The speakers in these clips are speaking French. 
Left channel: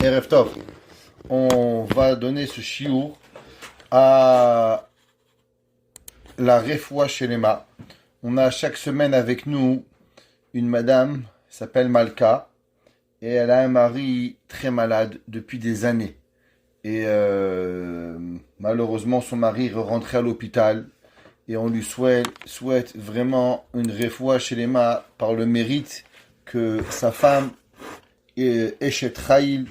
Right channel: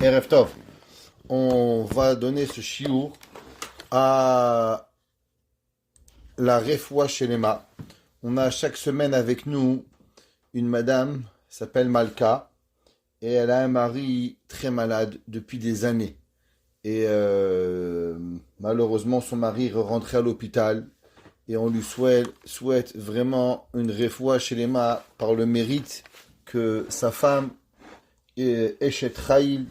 Erev Tov, on va donner ce chiour à la Refoua Shelema. On a chaque semaine avec nous une madame, qui s'appelle Malka, et elle a un mari très malade depuis des années. Et malheureusement, son mari est rentré à l'hôpital et on lui souhaite vraiment une Refoua Shelema par le mérite que sa femme Eshet Raïl,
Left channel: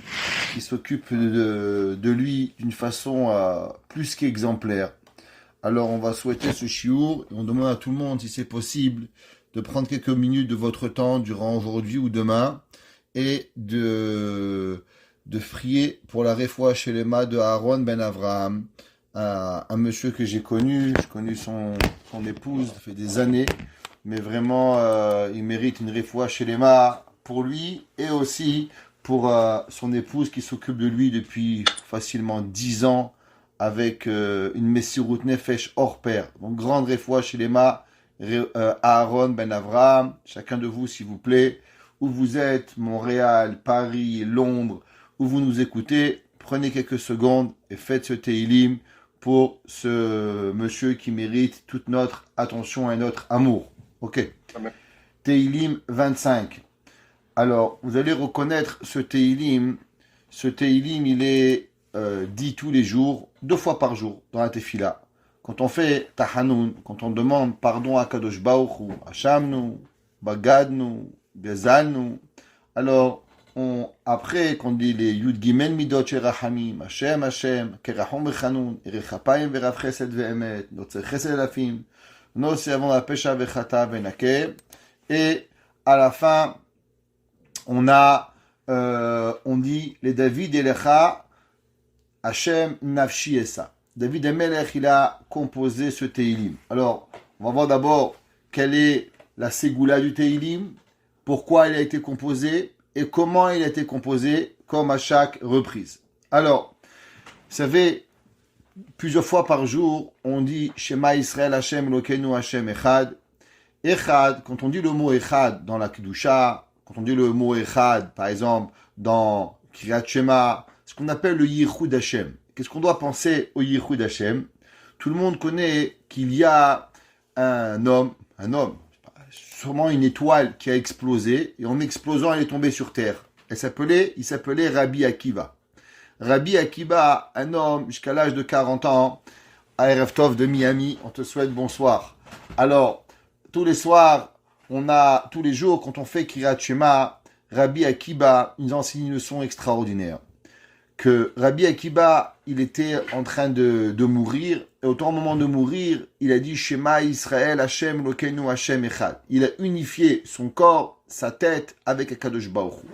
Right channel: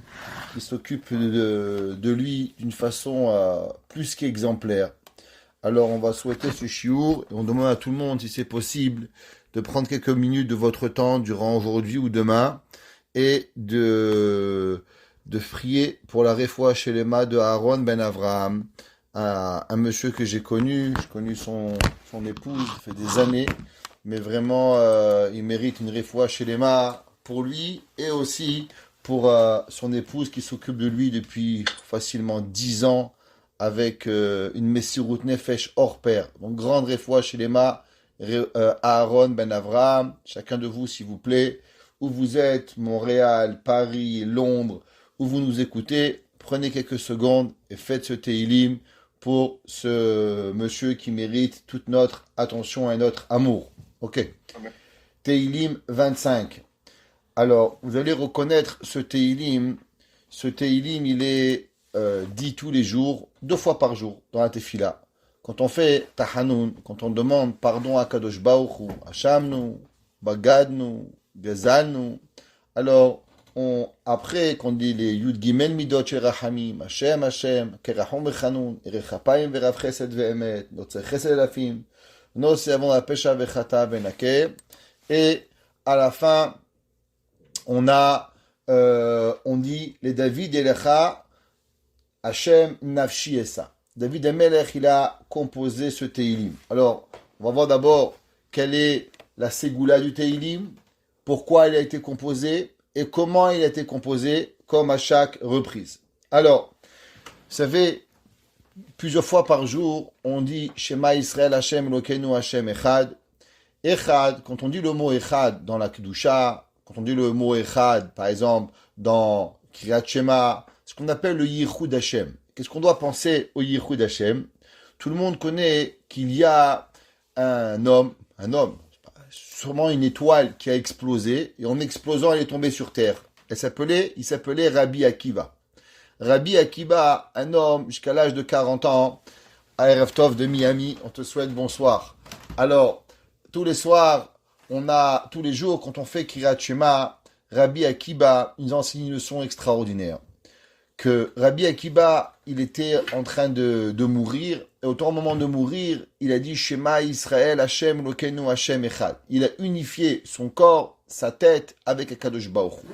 qui s'occupe de lui d'une façon plus qu'exemplaire. Alors on va souhaiter ce chiour et on demande à tout le monde si c'est possible de prendre quelques minutes de votre temps durant aujourd'hui ou demain et de prier pour la Refoua Shelema de Aaron Ben Avraham, un monsieur que j'ai connu son épouse, ça fait des années, mais vraiment il mérite une Refoua Shelema pour lui et aussi pour son épouse qui s'occupe de lui depuis facilement 10 ans avec une Messirut Nefesh hors pair. Donc grande Refoua Shelema, Aaron Ben Avraham, chacun de vous s'il vous plaît, où vous êtes, Montréal, Paris, Londres, où vous nous écoutez, prenez quelques secondes et faites ce Teilim pour ce monsieur qui mérite toute notre attention et notre amour. Ok. Amen. Teilim 25. Alors, vous allez reconnaître ce Teilim. Ce Teilim, il est dit tous les jours, 2 fois par jour, dans la Tefila. Quand on fait Tahanoun, quand on demande pardon à Kadosh Baruch Hu, Hashamnu, Bagadnu, Bezalnu, alors, après qu'on dit les Yud Gimel Midot Sherahamim, Hashem, Kerachom Vechanoun, Erechapayim Verav Chesed Ve'emet, Notzer Chesed Elafim, Notzer Avon Apesha Vechata Venake, et à la fin, on dit les David Elecha, Hashem Nafshi Esa. David Emelech, il a composé ce Teilim. Alors, on va voir d'abord quelle est la Ségoula du Teilim, pourquoi il a été composé et comment il a été composé, comme à chaque reprise. Alors, vous savez, plusieurs fois par jour, on dit Shema Israël Hashem Elokeinu Hashem Echad. Echad, quand on dit le mot Echad dans la Kedusha, quand on dit le mot Echad, par exemple, dans Kriyat Shema, ce qu'on appelle le Yichud Hashem. Qu'est-ce qu'on doit penser au Yichud Hashem? Tout le monde connaît qu'il y a un homme, sûrement une étoile qui a explosé, et en explosant, elle est tombée sur terre. Il s'appelait Rabbi Akiva. Rabbi Akiva, un homme jusqu'à l'âge de 40 ans, à Erev Tov de Miami, on te souhaite bonsoir. Alors, tous les jours, quand on fait Kriyat Shema, Rabbi Akiva nous enseigne une leçon extraordinaire. Que Rabbi Akiva, il était en train de mourir, et au moment de mourir, il a dit Shema Israël Hashem Elokeinu Hashem Echad. Il a unifié son corps, sa tête avec Akadosh Baruch Hu.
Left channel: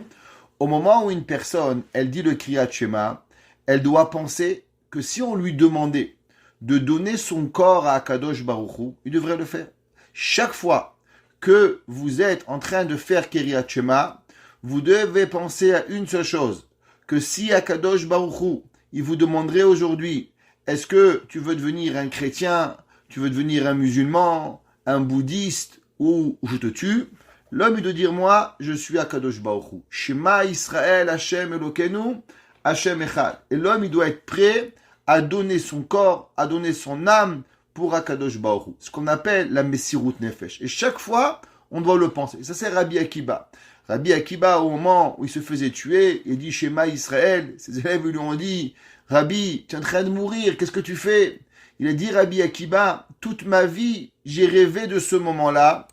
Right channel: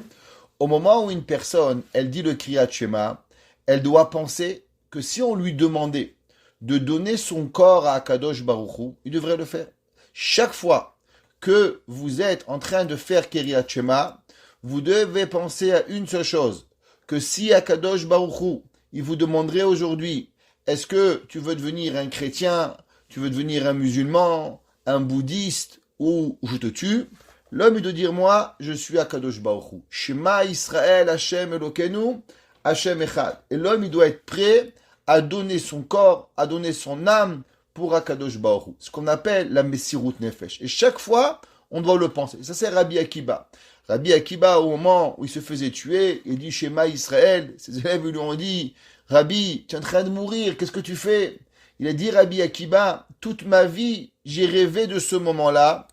Au moment où une personne, elle dit le Kriyat Shema, elle doit penser que si on lui demandait de donner son corps à Akadosh Baruch Hu, il devrait le faire. Chaque fois que vous êtes en train de faire Kriyat Shema, vous devez penser à une seule chose, que si Akadosh Baruch Hu, il vous demanderait aujourd'hui, est-ce que tu veux devenir un chrétien, tu veux devenir un musulman, un bouddhiste, ou je te tue, l'homme il doit dire, moi, je suis Akadosh Baruch Hu. Shema Israël Hashem Elokeinu, Hashem Echad. Et l'homme, il doit être prêt à donner son corps, à donner son âme pour Akadosh Baruch Hu. Ce qu'on appelle la Messirut Nefesh. Et chaque fois, on doit le penser. Ça, c'est Rabbi Akiva. Rabbi Akiva, au moment où il se faisait tuer, il dit Shema Israël. Ses élèves lui ont dit, Rabbi, tu es en train de mourir, qu'est-ce que tu fais? Il a dit, Rabbi Akiva, toute ma vie, j'ai rêvé de ce moment-là.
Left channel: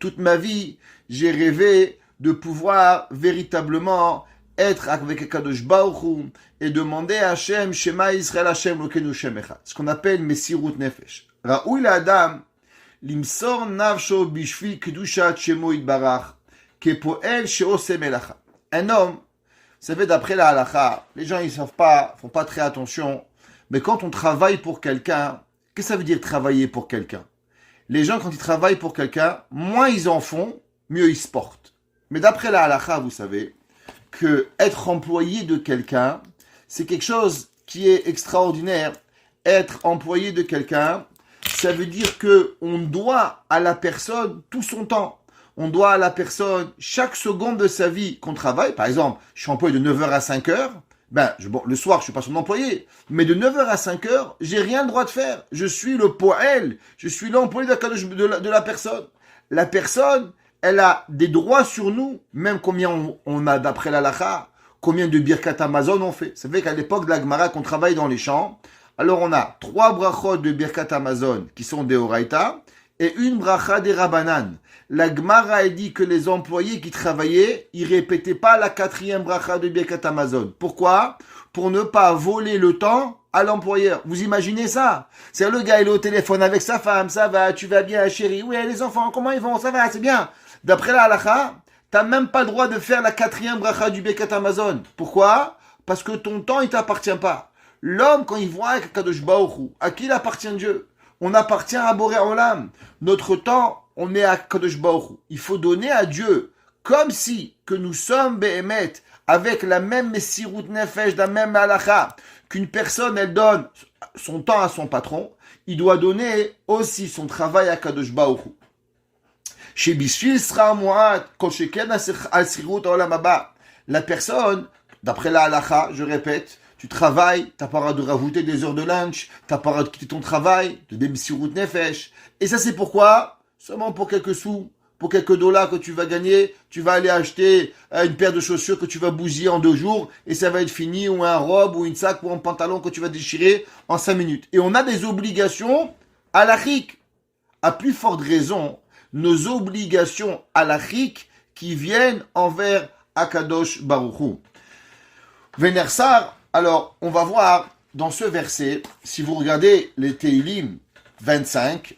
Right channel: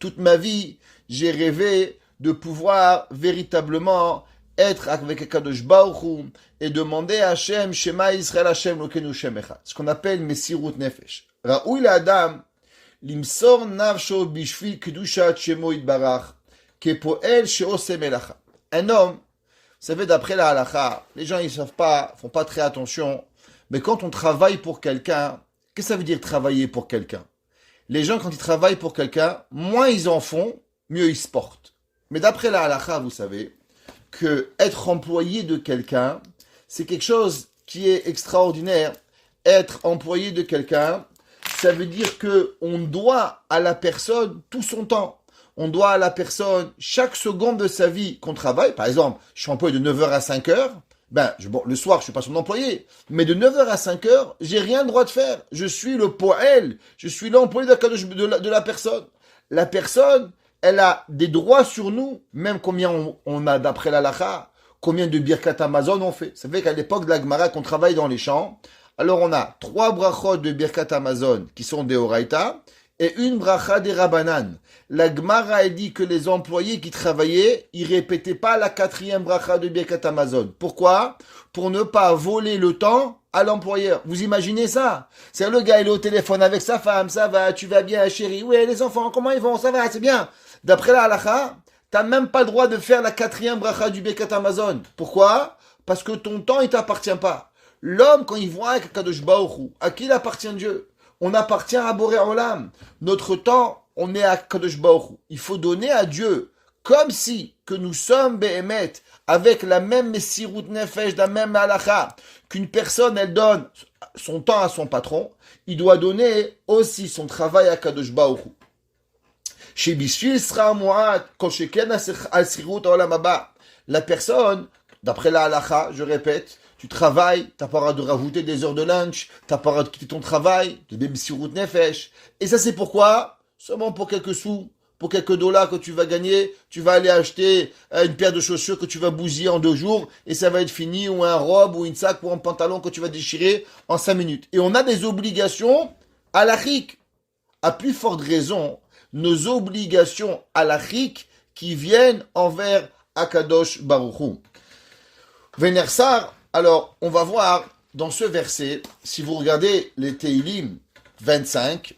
Toute ma vie, j'ai rêvé de pouvoir véritablement être avec Akadosh Baruch Hu et demander à Hashem, Shema Israël Hashem Elokeinu Hashem Echad. Ce qu'on appelle Messirut Nefesh. Ra'ui l'Adam, limsor nafsho bishvil kedushat shemo yitbarach. Un homme, vous savez, d'après la halakha, les gens ils savent pas, font pas très attention, mais quand on travaille pour quelqu'un, qu'est-ce que ça veut dire travailler pour quelqu'un? Les gens, quand ils travaillent pour quelqu'un, moins ils en font, mieux ils se portent. Mais d'après la halakha, vous savez, que être employé de quelqu'un, c'est quelque chose qui est extraordinaire. Être employé de quelqu'un, ça veut dire que on doit à la personne tout son temps. on doit à la personne, chaque seconde de sa vie qu'on travaille, par exemple, je suis employé de 9 heures à 5 heures, bon, le soir, je suis pas son employé, mais de 9 heures à 5 heures, j'ai rien le droit de faire. Je suis le poël, je suis l'employé de la personne. La personne, elle a des droits sur nous, même combien on a d'après l'halakha, combien de birkat Amazon on fait. Ça fait qu'à l'époque de la Gemara, qu'on travaille dans les champs, alors on a 3 brachot de birkat Amazon qui sont des Horaïta, et une bracha des Rabbanan. La Gemara a dit que les employés qui travaillaient, ils répétaient pas la 4e bracha de Birkat Amazon. Pourquoi? Pour ne pas voler le temps à l'employeur. Vous imaginez ça? C'est le gars, il est au téléphone avec sa femme, ça va, tu vas bien, chérie? Oui, les enfants, comment ils vont? Ça va, c'est bien. D'après la halakha, t'as même pas le droit de faire la 4e bracha du Birkat Amazon. Pourquoi? Parce que ton temps, il t'appartient pas. L'homme, quand il voit Kadosh Baruch Hu, à qui il appartient Dieu? On appartient à Boré Olam. Notre temps, on est à Kadosh Baruch Hu. Il faut donner à Dieu, comme si que nous sommes Behemet, avec la même Messirut Nefesh, la même halakha, qu'une personne, elle donne son temps à son patron, il doit donner aussi son travail à Kadosh Baruch Hu. Chez Bishvil Sra Mu'at, Kol Sheken Asirut Olam Haba. La personne, d'après la halakha, je répète, tu travailles, tu n'as pas le droit de rajouter des heures de lunch, tu n'as pas le droit de quitter ton travail, de Bemsirut Nefesh. Et ça, c'est pourquoi? Seulement pour quelques sous, pour quelques dollars que tu vas gagner, tu vas aller acheter une paire de chaussures que tu vas bousiller en 2 jours et ça va être fini, ou un robe, ou une sac, ou un pantalon que tu vas déchirer en 5 minutes. Et on a des obligations halachiques. À plus forte raison, nos obligations halachiques qui viennent envers Akadosh Baruch Hu. Venersar, alors, on va voir dans ce verset, si vous regardez les Teilim 25,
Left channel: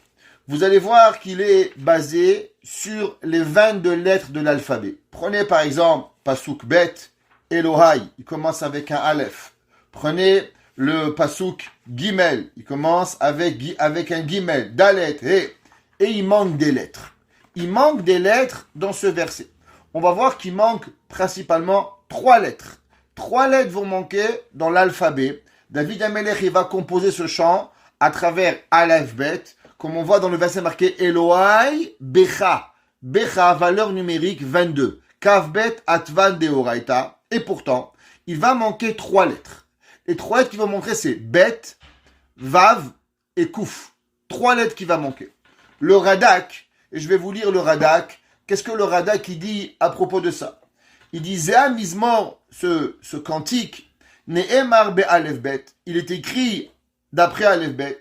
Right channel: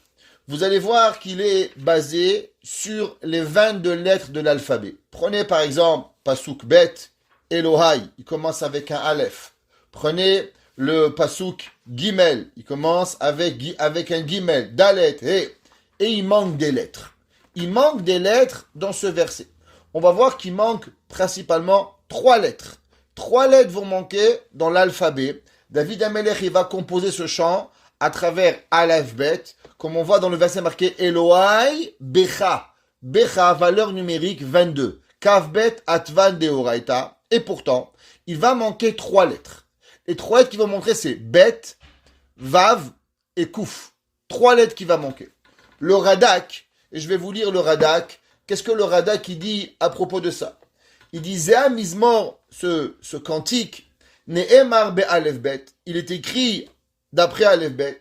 vous allez voir qu'il est basé sur les 22 lettres de l'alphabet. Prenez par exemple Pasuk Bet, Elohai, il commence avec un Aleph. Prenez le Pasuk Gimel, il commence avec un Gimel, Dalet, et il manque des lettres. Il manque des lettres dans ce verset. On va voir qu'il manque principalement 3 lettres. 3 lettres vont manquer dans l'alphabet. David Amelech, il va composer ce chant à travers Aleph Bet, comme on voit dans le verset marqué Elohai Becha. Becha, valeur numérique 22. Kav Bet Atvan Deoraita. Et pourtant, il va manquer 3 lettres. Les 3 lettres qui vont manquer, c'est Bet, Vav et Kouf. 3 lettres qui vont manquer. Le Radak, et je vais vous lire le Radak. Qu'est-ce que le Radak il dit à propos de ça? Il dit Zéa Mizmor, ce cantique, Ne'emar be'alef bet, il est écrit d'après Alef bet,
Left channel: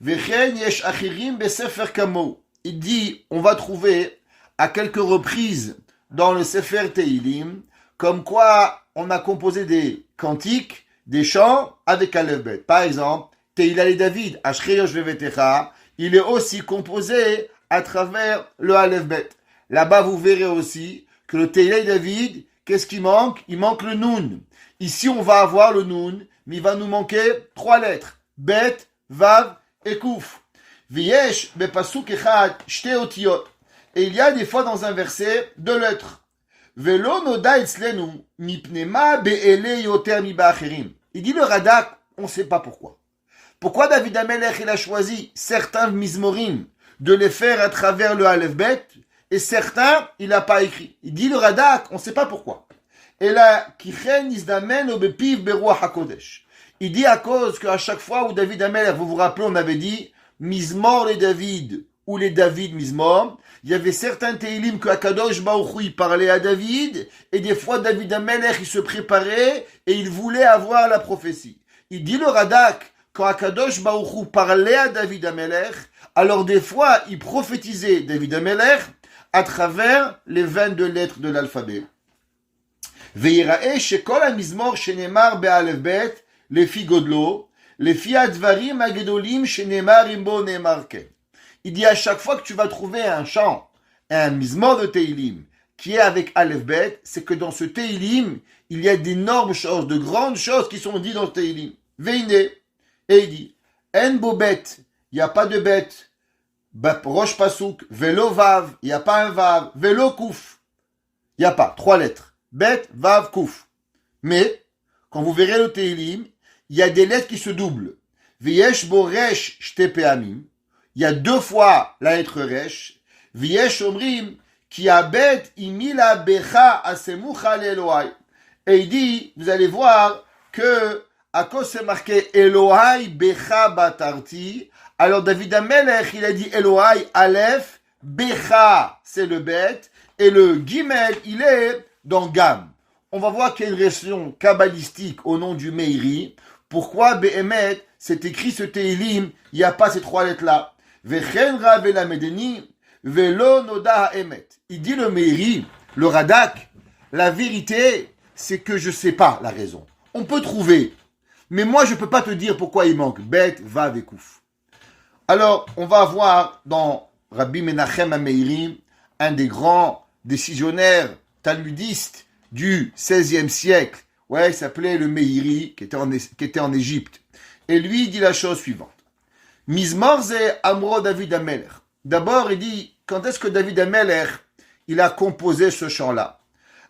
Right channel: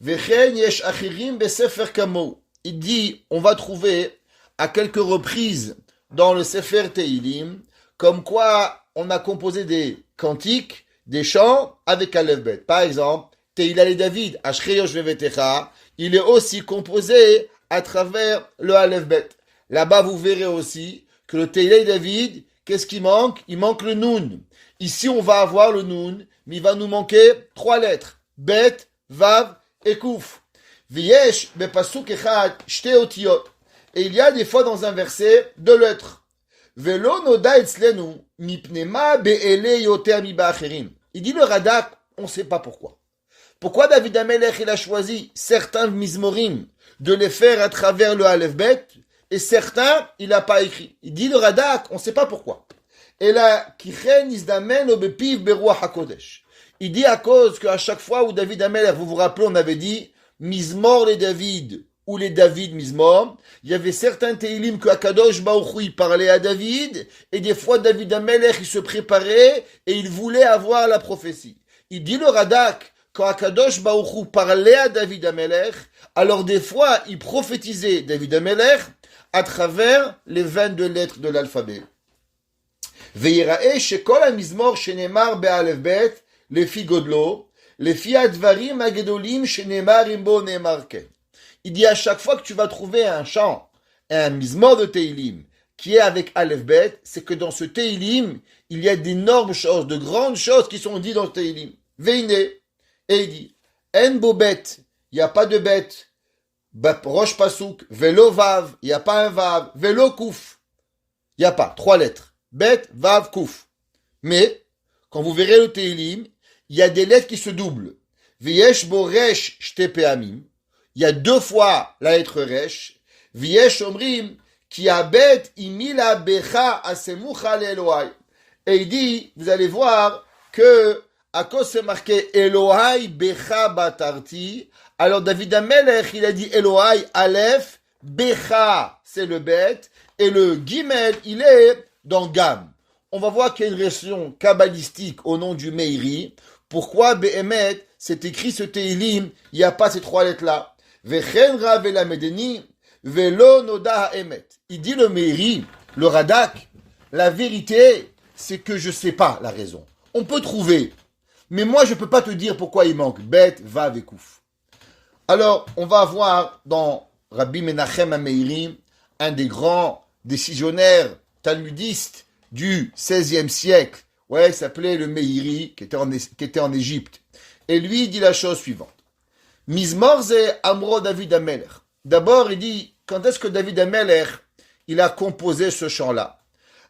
Vechen yesh achirim be'sefer kamo. Il dit, on va trouver à quelques reprises dans le Sefer Teilim, comme quoi on a composé des cantiques, des chants avec Alef bet. Par exemple, Teila le David, Ashreyosh vevetecha, il est aussi composé à travers le Alef bet. Là-bas, vous verrez aussi que le Teila le David, qu'est-ce qui manque? Il manque le Nun. Ici, on va avoir le Nun, mais il va nous manquer 3 lettres. Bet, Vav et Kouf. Viesh, bepasuk echad, shte otiot. Et il y a des fois dans un verset 2 lettres. Velo noda etzlenu, mipnema be'ele yoter mi ba'acherim. Il dit le Radak, on ne sait pas pourquoi. Pourquoi David Amelech, il a choisi certains mizmorim de les faire à travers le Aleph Bet, et certains, il n'a pas écrit. Il dit le Radak, on ne sait pas pourquoi. Et là, Kichen izdamen obepiv beruach hakodesh. Il dit à cause qu'à chaque fois où David Amelech, vous vous rappelez, on avait dit Mizmor les David ou les David Mizmor, il y avait certains Teilim que Akadosh Baruch Hu, il parlait à David, et des fois David Amelech, il se préparait et il voulait avoir la prophétie. Il dit le Radak, quand Akadosh Baruch Hu parlait à David Amelech, alors des fois il prophétisait David Amelech à travers les 22 lettres de l'alphabet. Ve'yira'e shekol ha'mizmor shenemar be'alef bet lefi godlo, lefi advarim ha'gedolim shenemar imbo ne'emar ken. Il dit à chaque fois que tu vas trouver un chant, un mizmor de Teilim, qui est avec Aleph Bet, c'est que dans ce Teilim, il y a d'énormes choses, de grandes choses qui sont dites dans le Teilim. Veine, et il dit, En bo bet, il n'y a pas de bête, Rosh Pasuk, Velo Vav, il n'y a pas un Vav, Velo Kouf, il n'y a pas, 3 lettres, Bet, Vav, Kouf. Mais, quand vous verrez le Teilim, il y a des lettres qui se doublent. Viesh bo resh shte peamim, il y a 2 fois la lettre resh, Viesh omrim, Ki abet imila becha asemucha l'Elohai. Et il dit, vous allez voir que, à cause c'est marqué Elohai becha batarti, alors David Amelech, il a dit Elohai Aleph, becha, c'est le bet, et le Gimel, il est dans Gam. On va voir qu'il y a une réaction kabbalistique au nom du Meiri. Pourquoi Behemet, c'est écrit ce Teilim, il n'y a pas ces trois lettres-là. Vechen Rav Elamedeni, Velo Noda Emet. Il dit le Meiri, le Radak, la vérité, c'est que je ne sais pas la raison. On peut trouver, mais moi je ne peux pas te dire pourquoi il manque. Bet, Vav et Kouf. Alors, on va voir dans Rabbi Menachem HaMeiri, un des grands décisionnaires talmudistes du XVIe siècle. Ouais, il s'appelait le Meiri, qui était en Égypte. Et lui, il dit la chose suivante. Mizmor ze Amro David Amelech. D'abord, il dit, quand est-ce que David Amelech, il a composé ce chant-là?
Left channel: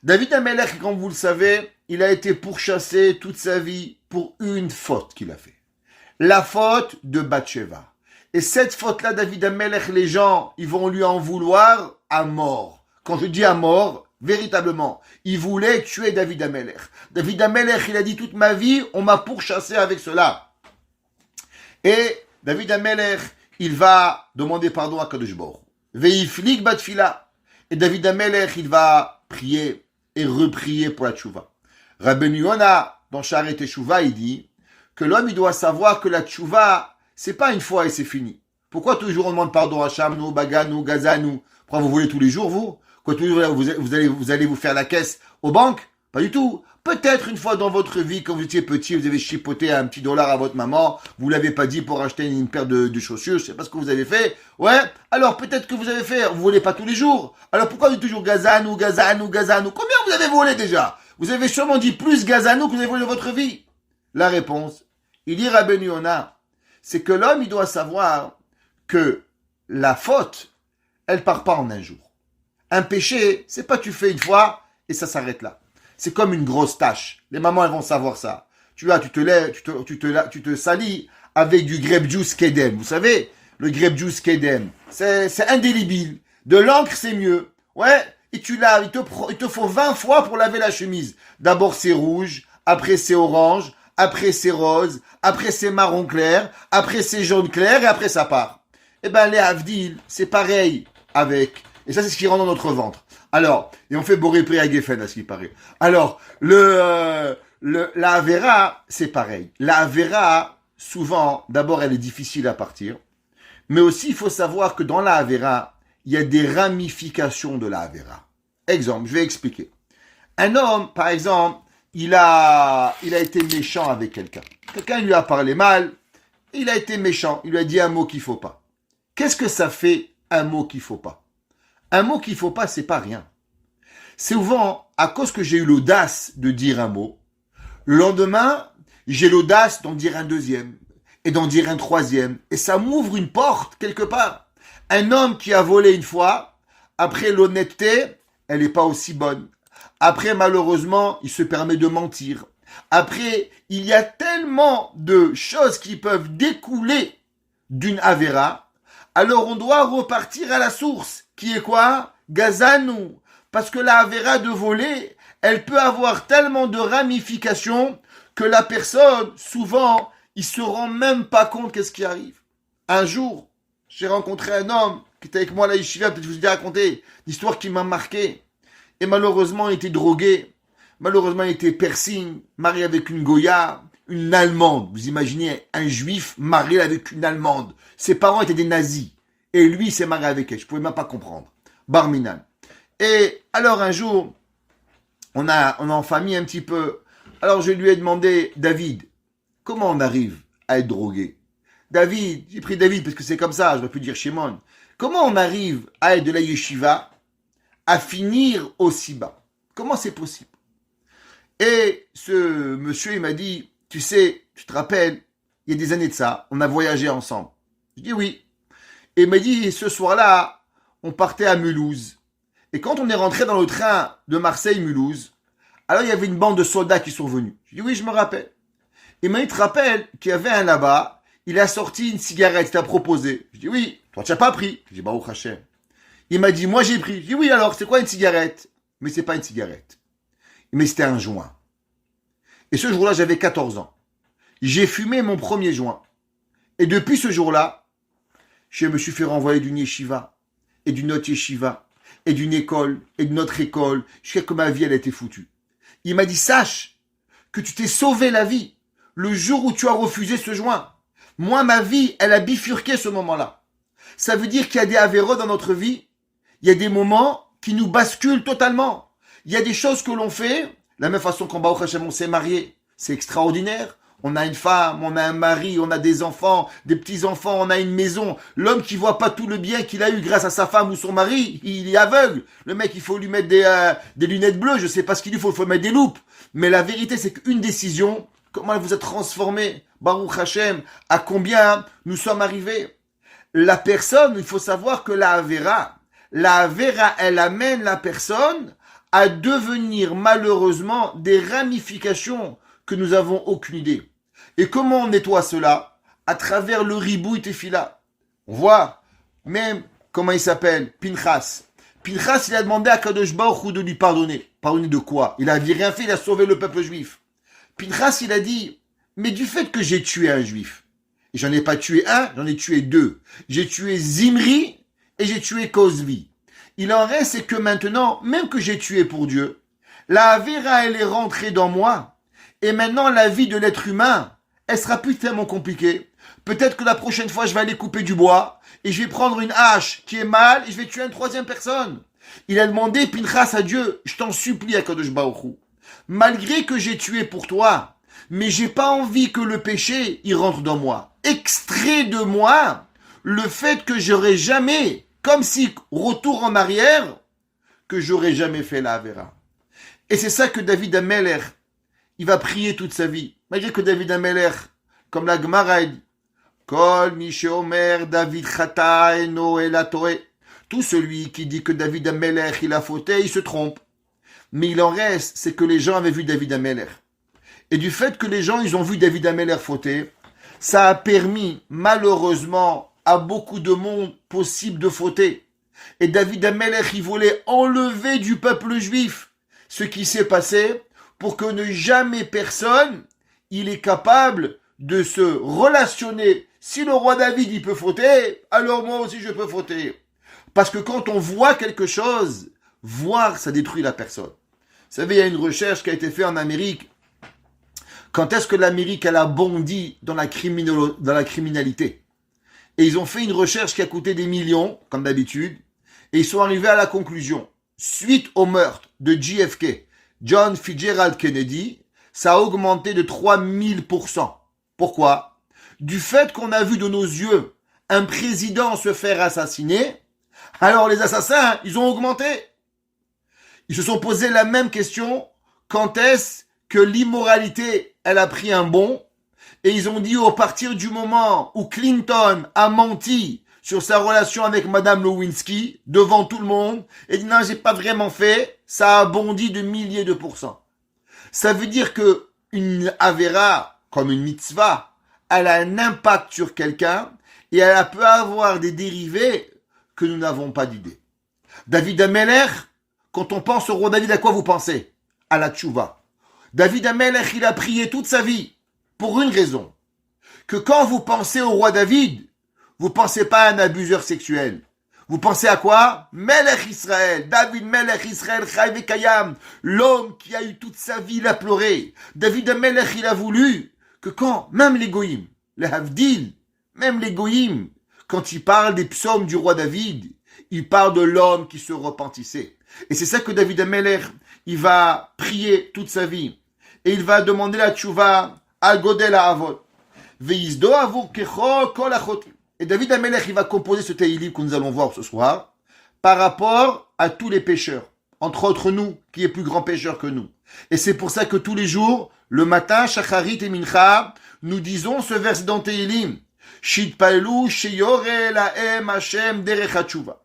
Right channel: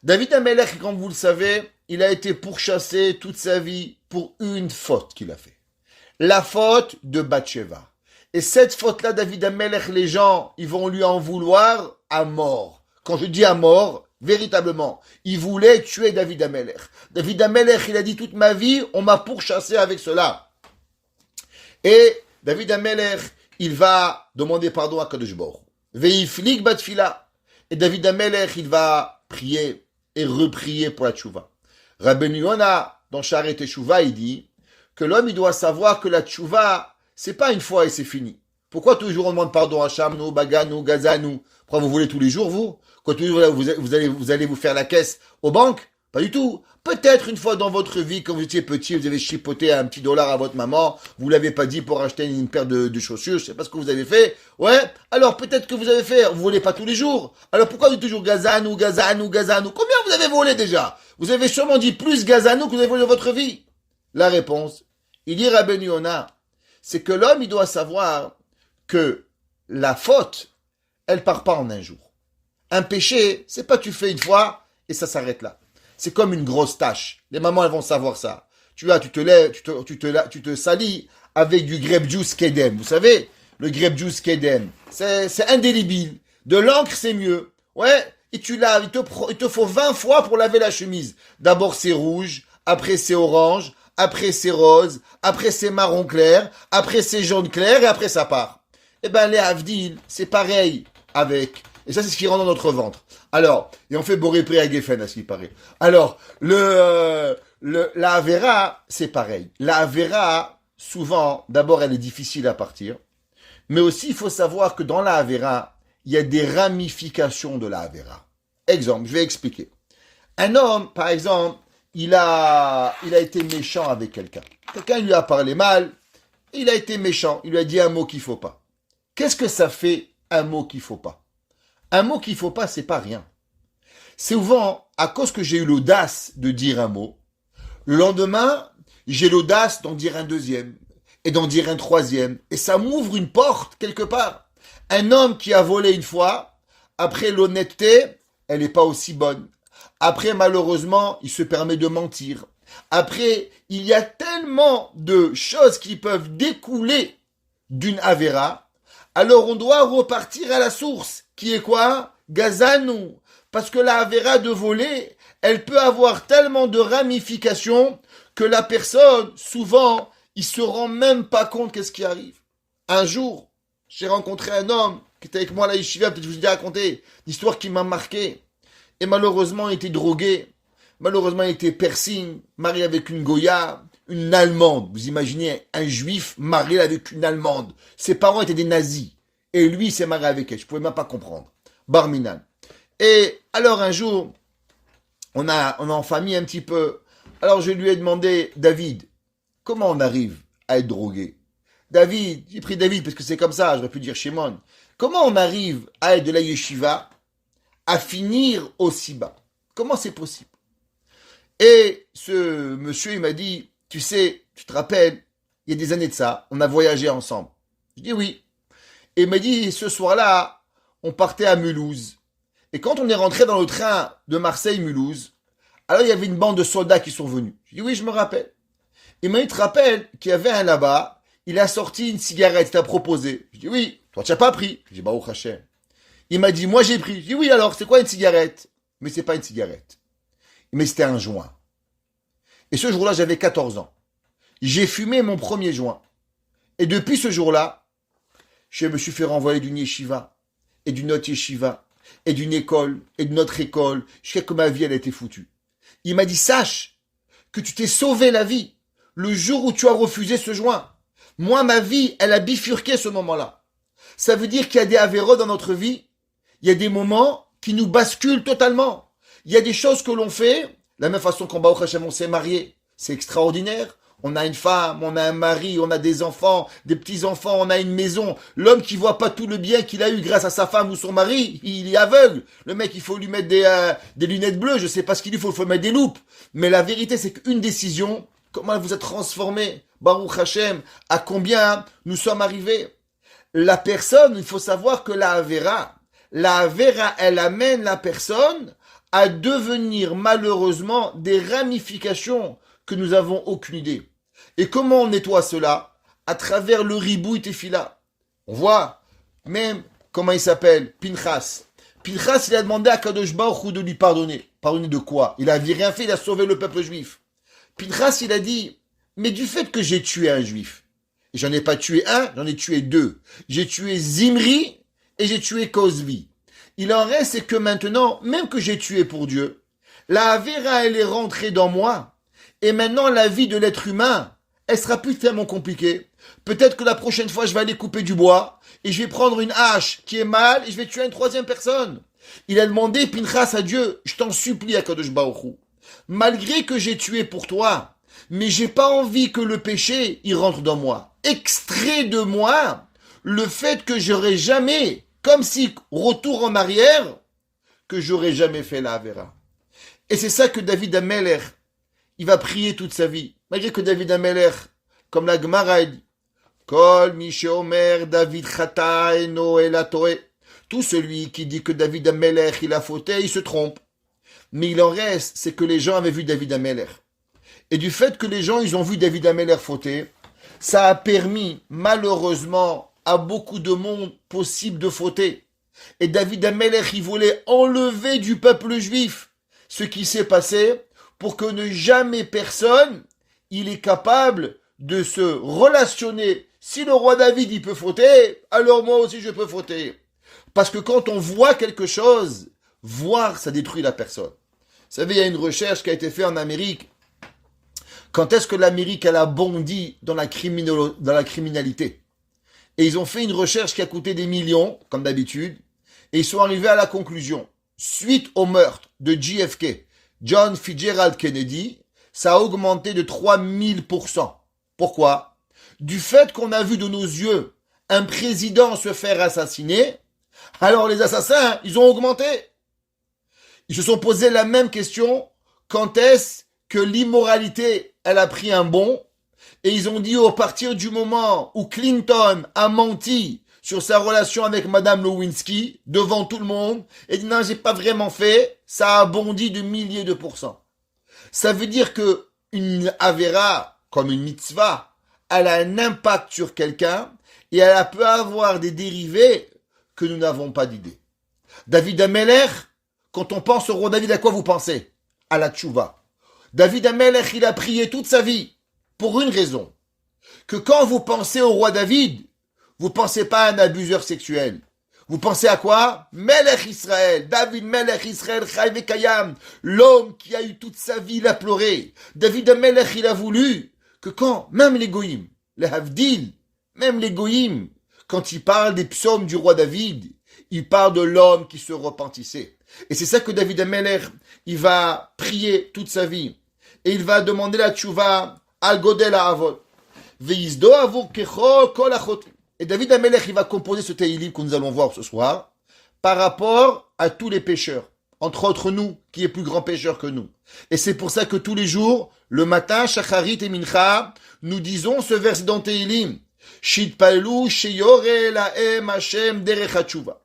David Amelech, comme vous le savez, il a été pourchassé toute sa vie pour une faute qu'il a fait. La faute de Bathsheba. Et cette faute-là, David Amelech, les gens, ils vont lui en vouloir à mort. Quand je dis à mort, véritablement, il voulait tuer David Amelech. David Amelech, il a dit toute ma vie, on m'a pourchassé avec cela. Et David Amelech, il va demander pardon à Kadosh Baruch Hu. Veiflik batfila. Et David Amelech, il va prier et reprier pour la tchouva. Rabbeinu Yona, dans Sharet Teshuvah, il dit que l'homme, il doit savoir que la tchouva, c'est pas une fois et c'est fini. Pourquoi toujours on demande pardon à Shamnou, Baganou, Gazanou? Pourquoi vous voulez tous les jours, vous? Quand toujours vous allez vous faire la caisse aux banques? Pas du tout. Peut-être une fois dans votre vie, quand vous étiez petit, vous avez chipoté un petit dollar à votre maman, vous l'avez pas dit pour acheter une paire de chaussures, je sais pas ce que vous avez fait. Ouais. Alors peut-être que vous avez fait, vous volez pas tous les jours. Alors pourquoi vous dites toujours Gazanou, Gazanou, Gazanou? Combien vous avez volé déjà? Vous avez sûrement dit plus Gazanou que vous avez volé votre vie. La réponse, il dit Rabbeinu Yona, c'est que l'homme, il doit savoir que la faute, elle part pas en un jour. Un péché, c'est pas tu fais une fois et ça s'arrête là. C'est comme une grosse tâche. Les mamans, elles vont savoir ça. Tu te lèves, tu te salis avec du grape juice Kedem. Vous savez, le grape juice Kedem, c'est indélébile. De l'encre, c'est mieux. Ouais, et tu laves, il te faut 20 fois pour laver la chemise. D'abord, c'est rouge, après c'est orange, après c'est rose, après c'est marron clair, après c'est jaune clair et après ça part. Eh ben, les Havdil, c'est pareil avec. Et ça, c'est ce qui rentre dans notre ventre. Alors, et on fait Boré Pré à Geffen, à ce qui paraît. Alors, la Avera, c'est pareil. La Avera, souvent, d'abord, elle est difficile à partir. Mais aussi, il faut savoir que dans la Avera, il y a des ramifications de la Avera. Exemple, je vais expliquer. Un homme, par exemple, il a été méchant avec quelqu'un. Quelqu'un lui a parlé mal, il a été méchant, il lui a dit un mot qu'il ne faut pas. Qu'est-ce que ça fait, un mot qu'il ne faut pas? Un mot qu'il ne faut pas, c'est pas rien. C'est souvent, à cause que j'ai eu l'audace de dire un mot, le lendemain, j'ai l'audace d'en dire un deuxième, et d'en dire un troisième, et ça m'ouvre une porte quelque part. Un homme qui a volé une fois, après l'honnêteté, elle n'est pas aussi bonne. Après, malheureusement, il se permet de mentir. Après, il y a tellement de choses qui peuvent découler d'une Avera, alors on doit repartir à la source, qui est quoi? Gazanou. Parce que la Avera de voler, elle peut avoir tellement de ramifications que la personne, souvent, il se rend même pas compte qu'est-ce qui arrive. Un jour, j'ai rencontré un homme qui était avec moi à la yeshiva, peut-être que je vous ai déjà raconté, l'histoire qui m'a marqué. Et malheureusement, il était drogué. Malheureusement, il était piercing, marié avec une Goya, une Allemande. Vous imaginez un juif marié avec une Allemande. Ses parents étaient des nazis. Et lui, il s'est marié avec elle. Je ne pouvais même pas comprendre. Barminan. Et alors, un jour, on a en famille un petit peu. Alors, je lui ai demandé, David, comment on arrive à être drogué? David, j'ai pris David parce que c'est comme ça, j'aurais pu dire Shimon. Comment on arrive à être de la yeshiva, à finir aussi bas? Comment c'est possible? Et ce monsieur, il m'a dit, tu sais, tu te rappelles, il y a des années de ça, on a voyagé ensemble. Je dis oui. Et il m'a dit, ce soir-là, on partait à Mulhouse. Et quand on est rentré dans le train de Marseille-Mulhouse, alors il y avait une bande de soldats qui sont venus. Je dis oui, je me rappelle. Il m'a dit, tu te rappelles qu'il y avait un là-bas, il a sorti une cigarette, il t'a proposé. Je dis oui, toi tu n'as pas pris. Je dis Baruch Hashem. Il m'a dit, moi j'ai pris. Je dis, oui, alors, c'est quoi une cigarette? Mais c'est pas une cigarette. Mais c'était un joint. Et ce jour-là, j'avais 14 ans. J'ai fumé mon premier joint. Et depuis ce jour-là, je me suis fait renvoyer d'une yeshiva, et d'une autre yeshiva, et d'une école, et d'une autre école, jusqu'à ce que ma vie, elle a été foutue. Il m'a dit, sache que tu t'es sauvé la vie le jour où tu as refusé ce joint. Moi, ma vie, elle a bifurqué ce moment-là. Ça veut dire qu'il y a des avéros dans notre vie. Il y a des moments qui nous basculent totalement. Il y a des choses que l'on fait, de la même façon qu'en Baruch Hashem, on s'est marié. C'est extraordinaire. On a une femme, on a un mari, on a des enfants, des petits-enfants, on a une maison. L'homme qui voit pas tout le bien qu'il a eu grâce à sa femme ou son mari, il est aveugle. Le mec, il faut lui mettre des lunettes bleues, je sais pas ce qu'il lui faut, il faut mettre des loupes. Mais la vérité, c'est qu'une décision, comment elle vous a transformé, Baruch Hashem, à combien nous sommes arrivés. La personne, il faut savoir que la Avera, elle amène la personne à devenir malheureusement des ramifications que nous avons aucune idée. Et comment on nettoie cela? À travers le ribouille tefila. On voit même, comment il s'appelle? Pinchas. Pinchas, il a demandé à Kadosh Baruch Hu de lui pardonner. Pardonner de quoi? Il n'avait rien fait, il a sauvé le peuple juif. Pinchas, il a dit, mais du fait que j'ai tué un juif, et j'en ai pas tué un, j'en ai tué deux. J'ai tué Zimri et j'ai tué Kozvi. Il en reste, c'est que maintenant, même que j'ai tué pour Dieu, la Avera, elle est rentrée dans moi. Et maintenant, la vie de l'être humain, elle sera plus tellement compliquée. Peut-être que la prochaine fois, je vais aller couper du bois et je vais prendre une hache qui est mal et je vais tuer une troisième personne. Il a demandé, Pinchas, à Dieu, je t'en supplie, Akadosh Baruch Hu, malgré que j'ai tué pour toi, mais j'ai pas envie que le péché, il rentre dans moi. Extrait de moi le fait que j'aurais jamais, comme si retour en arrière, que j'aurais jamais fait la Avera. Et c'est ça que David Ameler, il va prier toute sa vie. Malgré que David Ameler, comme la Gemara dit, Kol mi sheomer David chata eno elatoe. Tout celui qui dit que David Ameler, il a fauté, il se trompe. Mais il en reste, c'est que les gens avaient vu David Ameler. Et du fait que les gens, ils ont vu David Ameler fauter, ça a permis, malheureusement, à beaucoup de monde possible de fauter. Et David Ameler, il voulait enlever du peuple juif ce qui s'est passé pour que ne jamais personne, il est capable de se relationner. Si le roi David, il peut fauter, alors moi aussi je peux fauter. Parce que quand on voit quelque chose, voir, ça détruit la personne. Vous savez, il y a une recherche qui a été faite en Amérique. Quand est-ce que l'Amérique, elle a bondi dans la criminalité? Et ils ont fait une recherche qui a coûté des millions, comme d'habitude, et ils sont arrivés à la conclusion. Suite au meurtre de JFK, John Fitzgerald Kennedy, ça a augmenté de 3000%. Pourquoi? Du fait qu'on a vu de nos yeux un président se faire assassiner, alors les assassins, ils ont augmenté. Ils se sont posé la même question, quand est-ce que l'immoralité, elle a pris un bond, et ils ont dit à partir du moment où Clinton a menti sur sa relation avec Madame Lewinsky, devant tout le monde, et dit non, j'ai pas vraiment fait, ça a bondi de milliers de pourcents. Ça veut dire que une Avera, comme une mitzvah, elle a un impact sur quelqu'un, et elle peut avoir des dérivés que nous n'avons pas d'idée. David Ameler, quand on pense au roi David, à quoi vous pensez? À la tchouva. David Ameler, il a prié toute sa vie, pour une raison. Que quand vous pensez au roi David, vous pensez pas à un abuseur sexuel. Vous pensez à quoi? Melech Israël, David Melech Israël, Chai Vekayam, l'homme qui a eu toute sa vie, il a pleuré. David Amelech, il a voulu que quand, même les goïms, les Havdil, même les goïms, quand il parle des psaumes du roi David, il parle de l'homme qui se repentissait. Et c'est ça que David Amelech, il va prier toute sa vie. Et il va demander la tchouva al godel ha'avot. Ve'izdo avur kecho kol achotim. Et David Amelech, il va composer ce Tehillim que nous allons voir ce soir par rapport à tous les pécheurs. Entre autres nous, qui est plus grand pécheur que nous. Et c'est pour ça que tous les jours, le matin, Shacharit et Mincha, nous disons ce verset dans Tehillim. Shitpalu sheyore lahem Hashem derech hatshuva.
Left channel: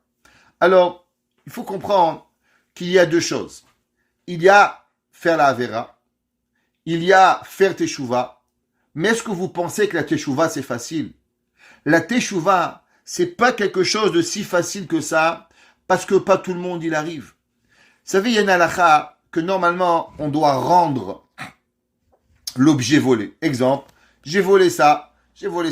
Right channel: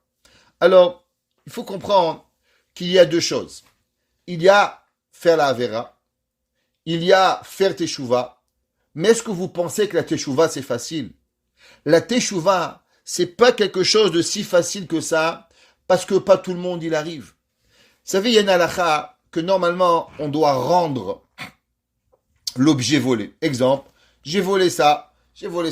Alors, il faut comprendre qu'il y a deux choses. Il y a faire la Avera. Il y a faire Teshuvah. Mais est-ce que vous pensez que la Teshuvah, c'est facile? La Teshuvah, c'est pas quelque chose de si facile que ça, parce que pas tout le monde il arrive. Vous savez, il y a une halakha que normalement on doit rendre l'objet volé. Exemple, j'ai volé ça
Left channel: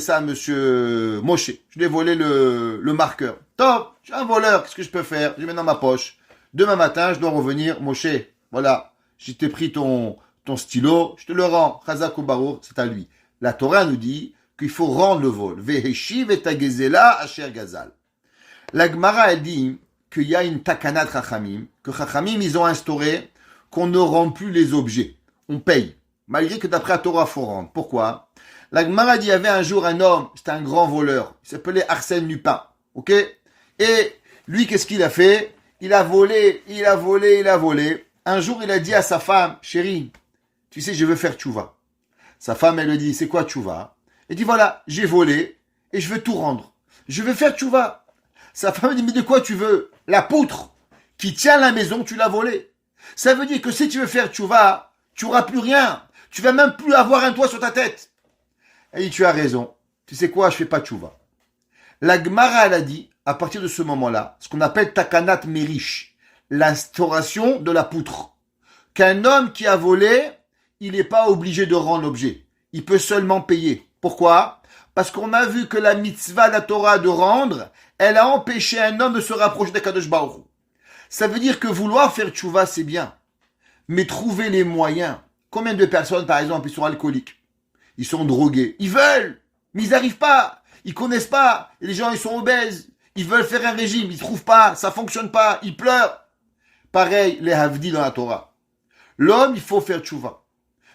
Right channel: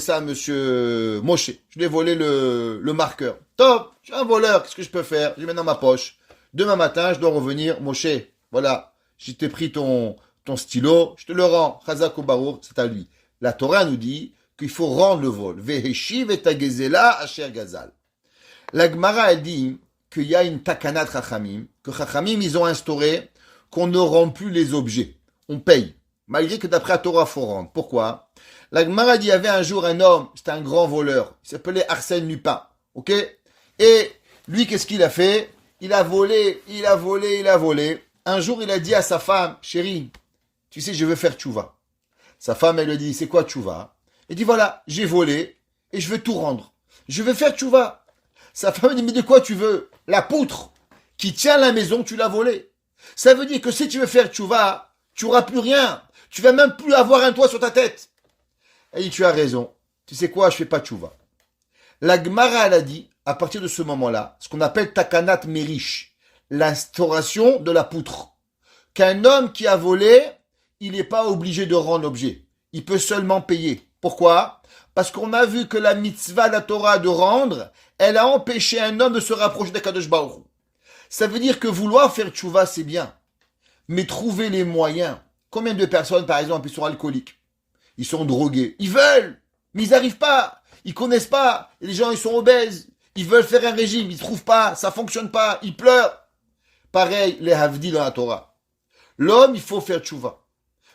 à monsieur Moshe. Je lui ai volé le marqueur. Top, je suis un voleur, qu'est-ce que je peux faire? Je le mets dans ma poche. Demain matin, je dois revenir. Moshe, voilà, je t'ai pris ton stylo, je te le rends. Chazak ou Barour, c'est à lui. La Torah nous dit qu'il faut rendre le vol. Veheshiv et tagezela asher gazal. La Gemara, elle dit qu'il y a une takanat Chachamim, que Chachamim, ils ont instauré qu'on ne rend plus les objets. On paye. Malgré que d'après la Torah, il faut rendre. Pourquoi? La Gemara dit, il y avait un jour un homme, c'était un grand voleur. Il s'appelait Arsène Lupin. Ok? Et lui, qu'est-ce qu'il a fait? Il a volé. Un jour, il a dit à sa femme, chérie, tu sais, je veux faire tchouva. Sa femme, elle lui dit, c'est quoi tchouva? Elle dit, voilà, j'ai volé et je veux tout rendre. Je veux faire tchouva. Sa femme dit, mais de quoi tu veux? La poutre qui tient la maison, tu l'as volée. Ça veut dire que si tu veux faire tchouva, tu n'auras plus rien. Tu vas même plus avoir un toit sur ta tête. Elle dit, tu as raison. Tu sais quoi, je fais pas tchouva. La Gemara, elle a dit, à partir de ce moment-là, ce qu'on appelle takanat merish, l'instauration de la poutre. Qu'un homme qui a volé, il n'est pas obligé de rendre l'objet. Il peut seulement payer. Pourquoi? Parce qu'on a vu que la mitzvah de la Torah de rendre, elle a empêché un homme de se rapprocher d'Akadosh Baruch Hu. Ça veut dire que vouloir faire tchouva, c'est bien. Mais trouver les moyens. Combien de personnes, par exemple, ils sont alcooliques? Ils sont drogués. Ils veulent, mais ils n'arrivent pas. Ils connaissent pas. Et les gens, ils sont obèses. Ils veulent faire un régime. Ils ne trouvent pas. Ça fonctionne pas. Ils pleurent. Pareil, les havdi dans la Torah. L'homme, il faut faire tchouva.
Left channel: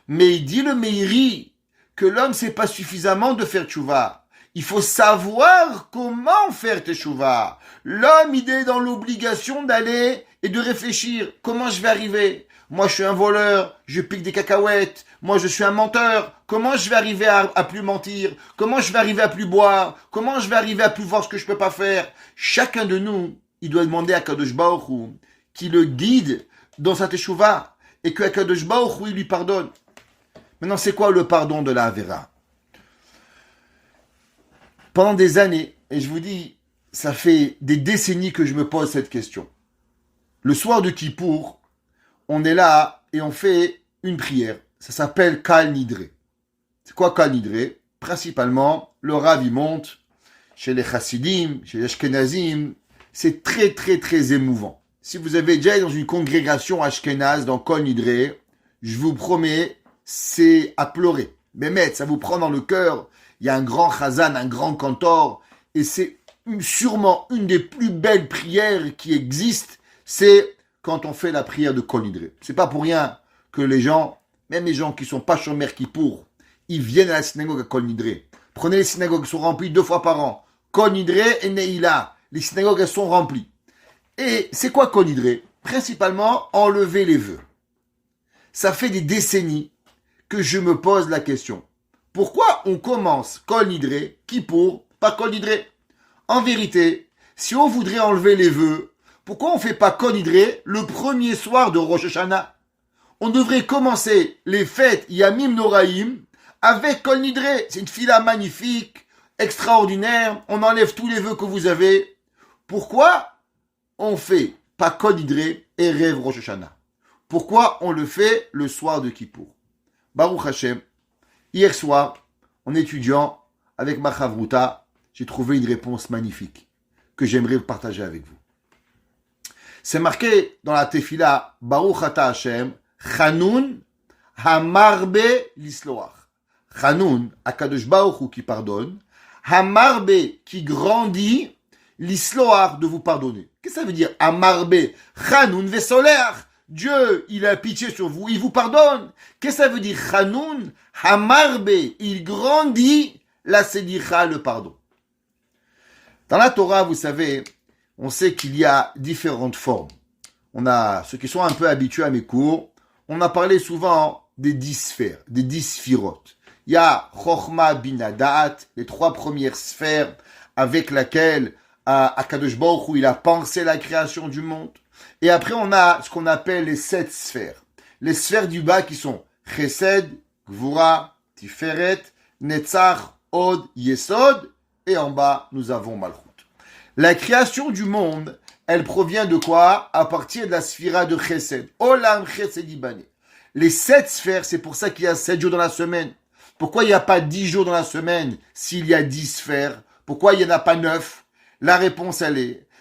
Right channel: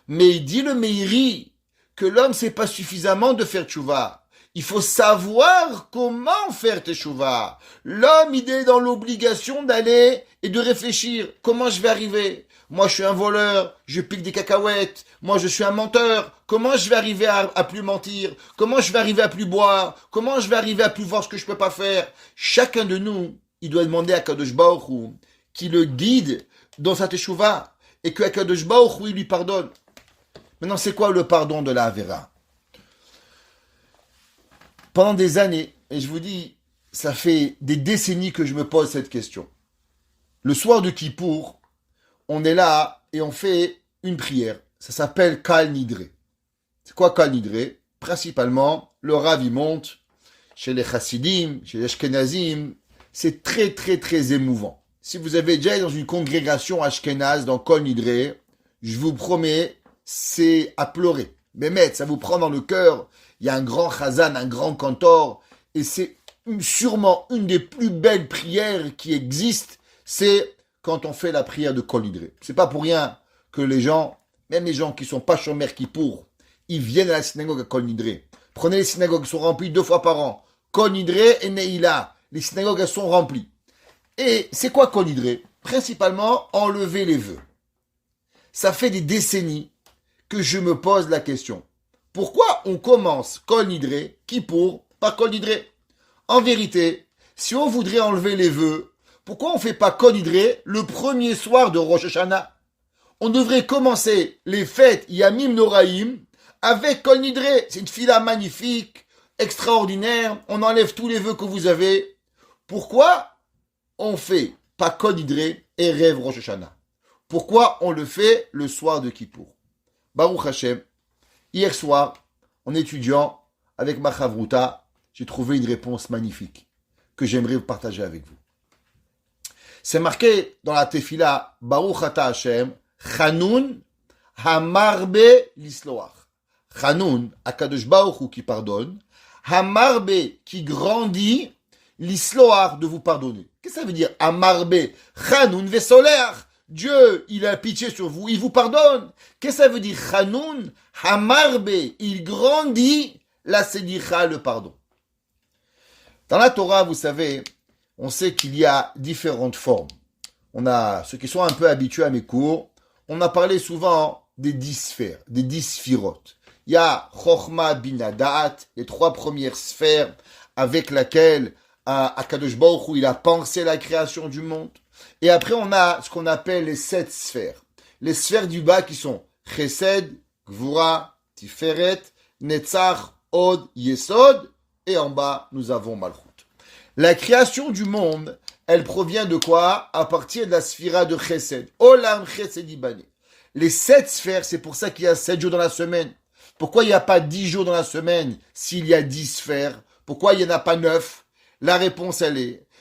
Mais il dit le Meiri que l'homme, c'est pas suffisamment de faire tchouva. Il faut savoir comment faire tchouva. L'homme, il est dans l'obligation d'aller et de réfléchir. Comment je vais arriver? Moi, je suis un voleur, je pique des cacahuètes. Moi, je suis un menteur. Comment je vais arriver à plus mentir? Comment je vais arriver à plus boire? Comment je vais arriver à plus voir ce que je peux pas faire? Chacun de nous, il doit demander à Kadosh Baruch Hu qui le guide dans sa teshuva et que Kadosh Baruch Hu, il lui pardonne. Maintenant, c'est quoi le pardon de la Avera? Pendant des années, et je vous dis, ça fait des décennies que je me pose cette question. Le soir de Kippour, on est là et on fait une prière. Ça s'appelle Kal Nidre. C'est quoi Kal Nidre? Principalement, le Rav il monte chez les Chassidim, chez les Ashkenazim. C'est très très très émouvant. Si vous avez déjà été dans une congrégation Ashkenaz dans Kal Nidre, je vous promets, c'est à pleurer. Mais ça vous prend dans le cœur. Il y a un grand chazan, un grand cantor, et c'est sûrement une des plus belles prières qui existent, c'est quand on fait la prière de Kol Nidre. C'est pas pour rien que les gens, même les gens qui sont pas chômeurs Kippour, ils viennent à la synagogue à Kol Nidre. Prenez les synagogues qui sont remplies 2 fois par an. Kol Nidre et Neila. Les synagogues, elles sont remplies. Et c'est quoi Kol Nidre? Principalement, enlever les vœux. Ça fait des décennies que je me pose la question. Pourquoi on commence Kol Nidre, Kippour, par Kol Nidre? En vérité, si on voudrait enlever les vœux, pourquoi on ne fait pas Kol Nidre le premier soir de Rosh Hashanah? On devrait commencer les fêtes Yamim Noraim avec Kol Nidre. C'est une fila magnifique, extraordinaire. On enlève tous les vœux que vous avez. Pourquoi on fait pas Kol Nidre et rêve Rosh Hashanah? Pourquoi on le fait le soir de Kippour? Baruch Hashem, hier soir, en étudiant avec ma chavruta, j'ai trouvé une réponse magnifique que j'aimerais partager avec vous. C'est marqué dans la tefila Baruch Ata Hashem, Chanun Hamarbe l'Isloach. Chanun, Akadosh Baruch Hu qui pardonne, Hamarbe qui grandit, l'Isloach de vous pardonner. Qu'est-ce que ça veut dire Hamarbe? Chanun Vesoler. Dieu, il a pitié sur vous, il vous pardonne. Qu'est-ce que ça veut dire Chanun Hamarbe, il grandit la selicha, le pardon. Dans la Torah, vous savez, on sait qu'il y a différentes formes. On a, ceux qui sont un peu habitués à mes cours, on a parlé souvent des 10 sphères, des 10 sphirotes. Il y a Chochma Bina Da'at, les 3 premières sphères avec lesquelles Akadosh Baruch Hu, il a pensé la création du monde. Et après, on a ce qu'on appelle les 7 sphères. Les sphères du bas qui sont Chesed, Gvura, Tiferet, Netzach, Od, Yesod. Et en bas, nous avons Malchut. La création du monde, elle provient de quoi? À partir de la sphira de Chesed. Olam Chesed Ibane. Les 7 sphères, c'est pour ça qu'il y a 7 jours dans la semaine. Pourquoi il n'y a pas 10 jours dans la semaine s'il y a 10 sphères? Pourquoi il n'y en a pas 9? La réponse,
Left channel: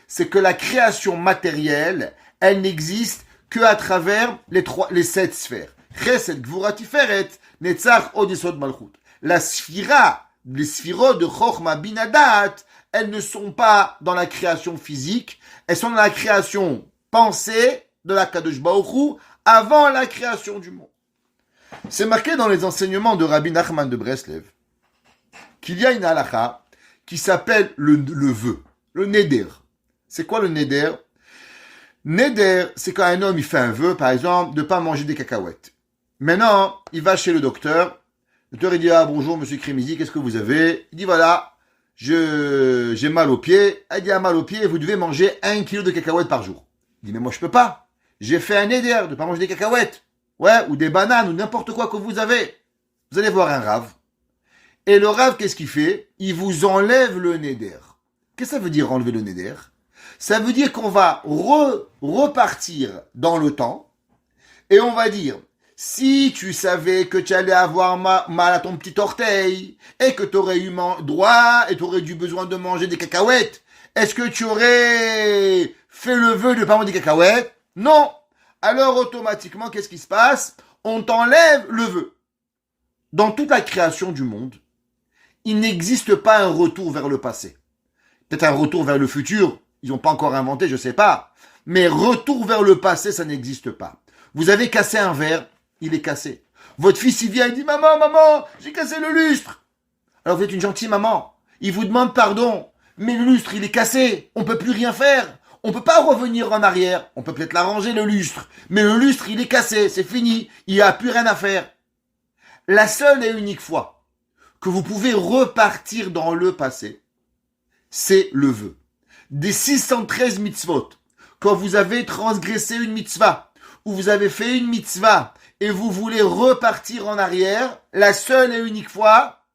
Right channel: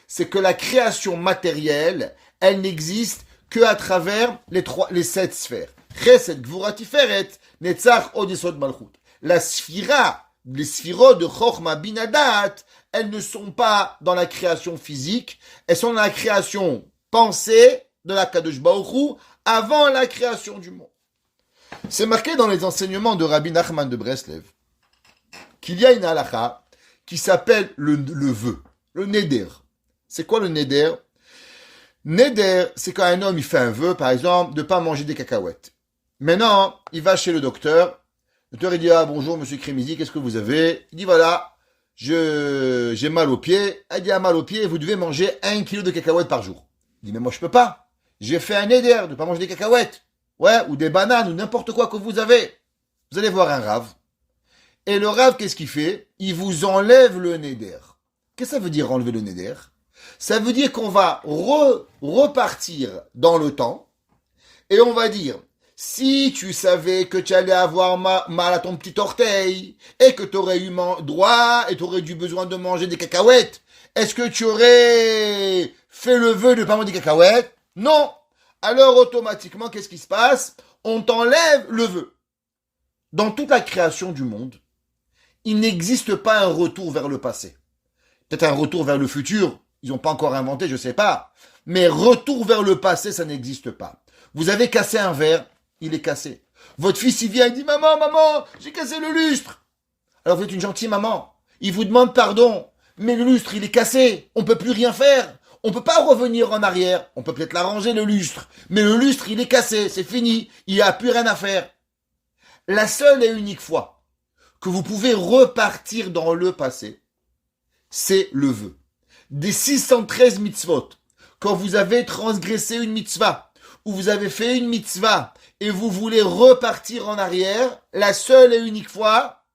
c'est que la création matérielle, elle n'existe que à travers les 7 sphères. Chesed, Gvura, Tiferet, Netzach, Od Yesod Malchut. La sphira, les sphirot de Chochma, Binadat, elles ne sont pas dans la création physique, elles sont dans la création pensée de la Kadosh Baruch Hu avant la création du monde. C'est marqué dans les enseignements de Rabbi Nachman de Breslev qu'il y a une halakha qui s'appelle le vœu, le neder. C'est quoi le neder? Neder, c'est quand un homme il fait un vœu, par exemple, de ne pas manger des cacahuètes. Maintenant, il va chez le docteur. Le docteur il dit, ah bonjour monsieur Crémizy, qu'est-ce que vous avez? Il dit, voilà, j'ai mal au pied. Elle dit, ah mal au pied, vous devez manger 1 kilo de cacahuètes par jour. Il dit, mais moi je peux pas. J'ai fait un neder de ne pas manger des cacahuètes. Ouais, ou des bananes, ou n'importe quoi que vous avez. Vous allez voir un rave. Et le rave, qu'est-ce qu'il fait? Il vous enlève le neder. Qu'est-ce que ça veut dire enlever le neder? Ça veut dire qu'on va repartir dans le temps et on va dire, si tu savais que tu allais avoir mal à ton petit orteil et que tu aurais eu droit et tu aurais eu besoin de manger des cacahuètes, est-ce que tu aurais fait le vœu de ne pas manger des cacahuètes? Non. Alors automatiquement, qu'est-ce qui se passe? On t'enlève le vœu. Dans toute la création du monde, il n'existe pas un retour vers le passé. Peut-être un retour vers le futur, ils n'ont pas encore inventé, je ne sais pas. Mais retour vers le passé, ça n'existe pas. Vous avez cassé un verre, il est cassé. Votre fils, il vient, il dit, maman, j'ai cassé le lustre. Alors vous êtes une gentille maman. Il vous demande pardon. Mais le lustre, il est cassé. On ne peut plus rien faire. On ne peut pas revenir en arrière. On peut peut-être l'arranger, le lustre. Mais le lustre, il est cassé. C'est fini. Il n'y a plus rien à faire. La seule et unique fois que vous pouvez repartir dans le passé, c'est le vœu. Des 613 mitzvot, quand vous avez transgressé une mitzvah, ou vous avez fait une mitzvah, et vous voulez repartir en arrière, la seule et unique fois,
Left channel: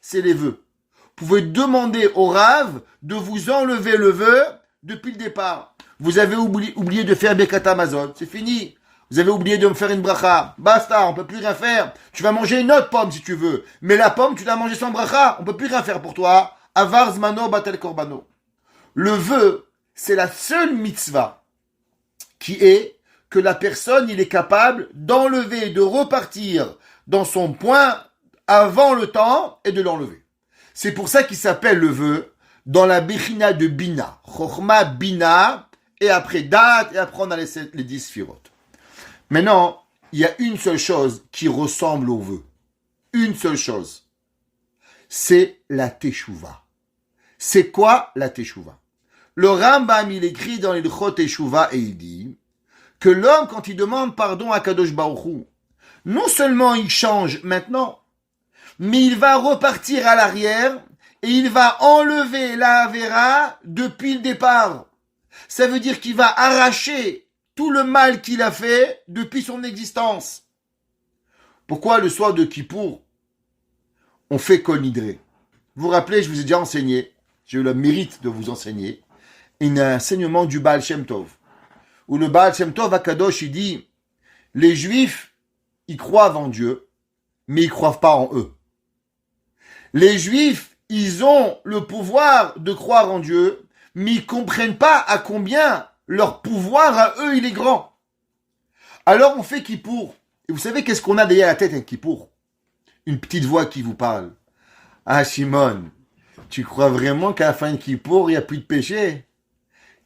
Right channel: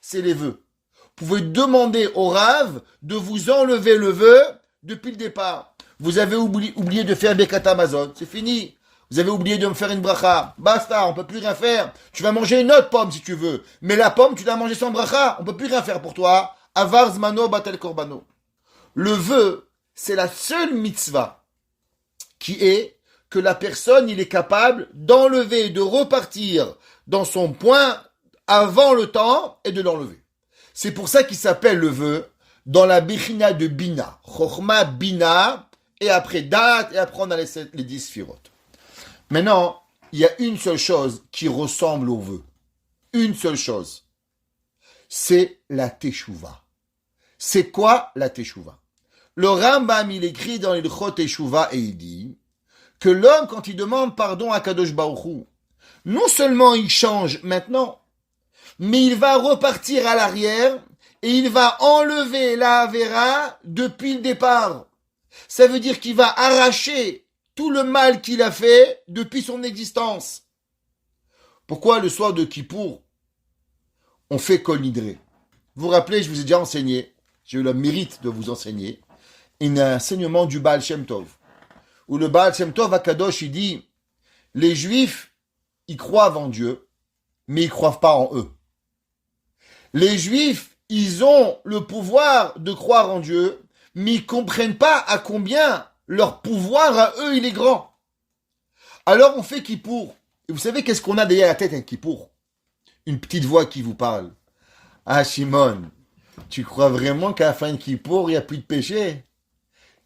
c'est les vœux. Vous pouvez demander au Rav de vous enlever le vœu depuis le départ. Vous avez oublié de faire Birkat Hamazon, c'est fini. Vous avez oublié de me faire une bracha. Basta, on peut plus rien faire. Tu vas manger une autre pomme si tu veux. Mais la pomme, tu l'as mangée sans bracha. On peut plus rien faire pour toi. Avar zmano batel korbano. Le vœu, c'est la seule mitzvah qui est que la personne, il est capable d'enlever, de repartir dans son point avant le temps et de l'enlever. C'est pour ça qu'il s'appelle le vœu dans la Bechina de Bina. Chochma, Bina, et après Date, et après on a les 10 Sphirot. Maintenant, il y a une seule chose qui ressemble au vœu. Une seule chose. C'est la Teshuvah. C'est quoi la Teshuvah? Le Rambam, il écrit dans l'Ilchot Teshuvah et il dit que l'homme, quand il demande pardon à Kadosh Baruch Hu, non seulement il change maintenant, mais il va repartir à l'arrière et il va enlever la Avera depuis le départ. Ça veut dire qu'il va arracher tout le mal qu'il a fait depuis son existence. Pourquoi le soir de Kippour, on fait Kol Nidré? Vous vous rappelez, je vous ai déjà enseigné, j'ai eu le mérite de vous enseigner, un enseignement du Baal Shem Tov, où le Baal Shem Tov à Kadosh, il dit, les Juifs, ils croient en Dieu, mais ils ne croient pas en eux. Les Juifs, ils ont le pouvoir de croire en Dieu, mais ils ne comprennent pas à combien leur pouvoir à eux, il est grand. Alors on fait Kippour. Et vous savez qu'est-ce qu'on a derrière la tête avec Kippour? Une petite voix qui vous parle. Ah Shimon, tu crois vraiment qu'à la fin de Kippour, il n'y a plus de péché?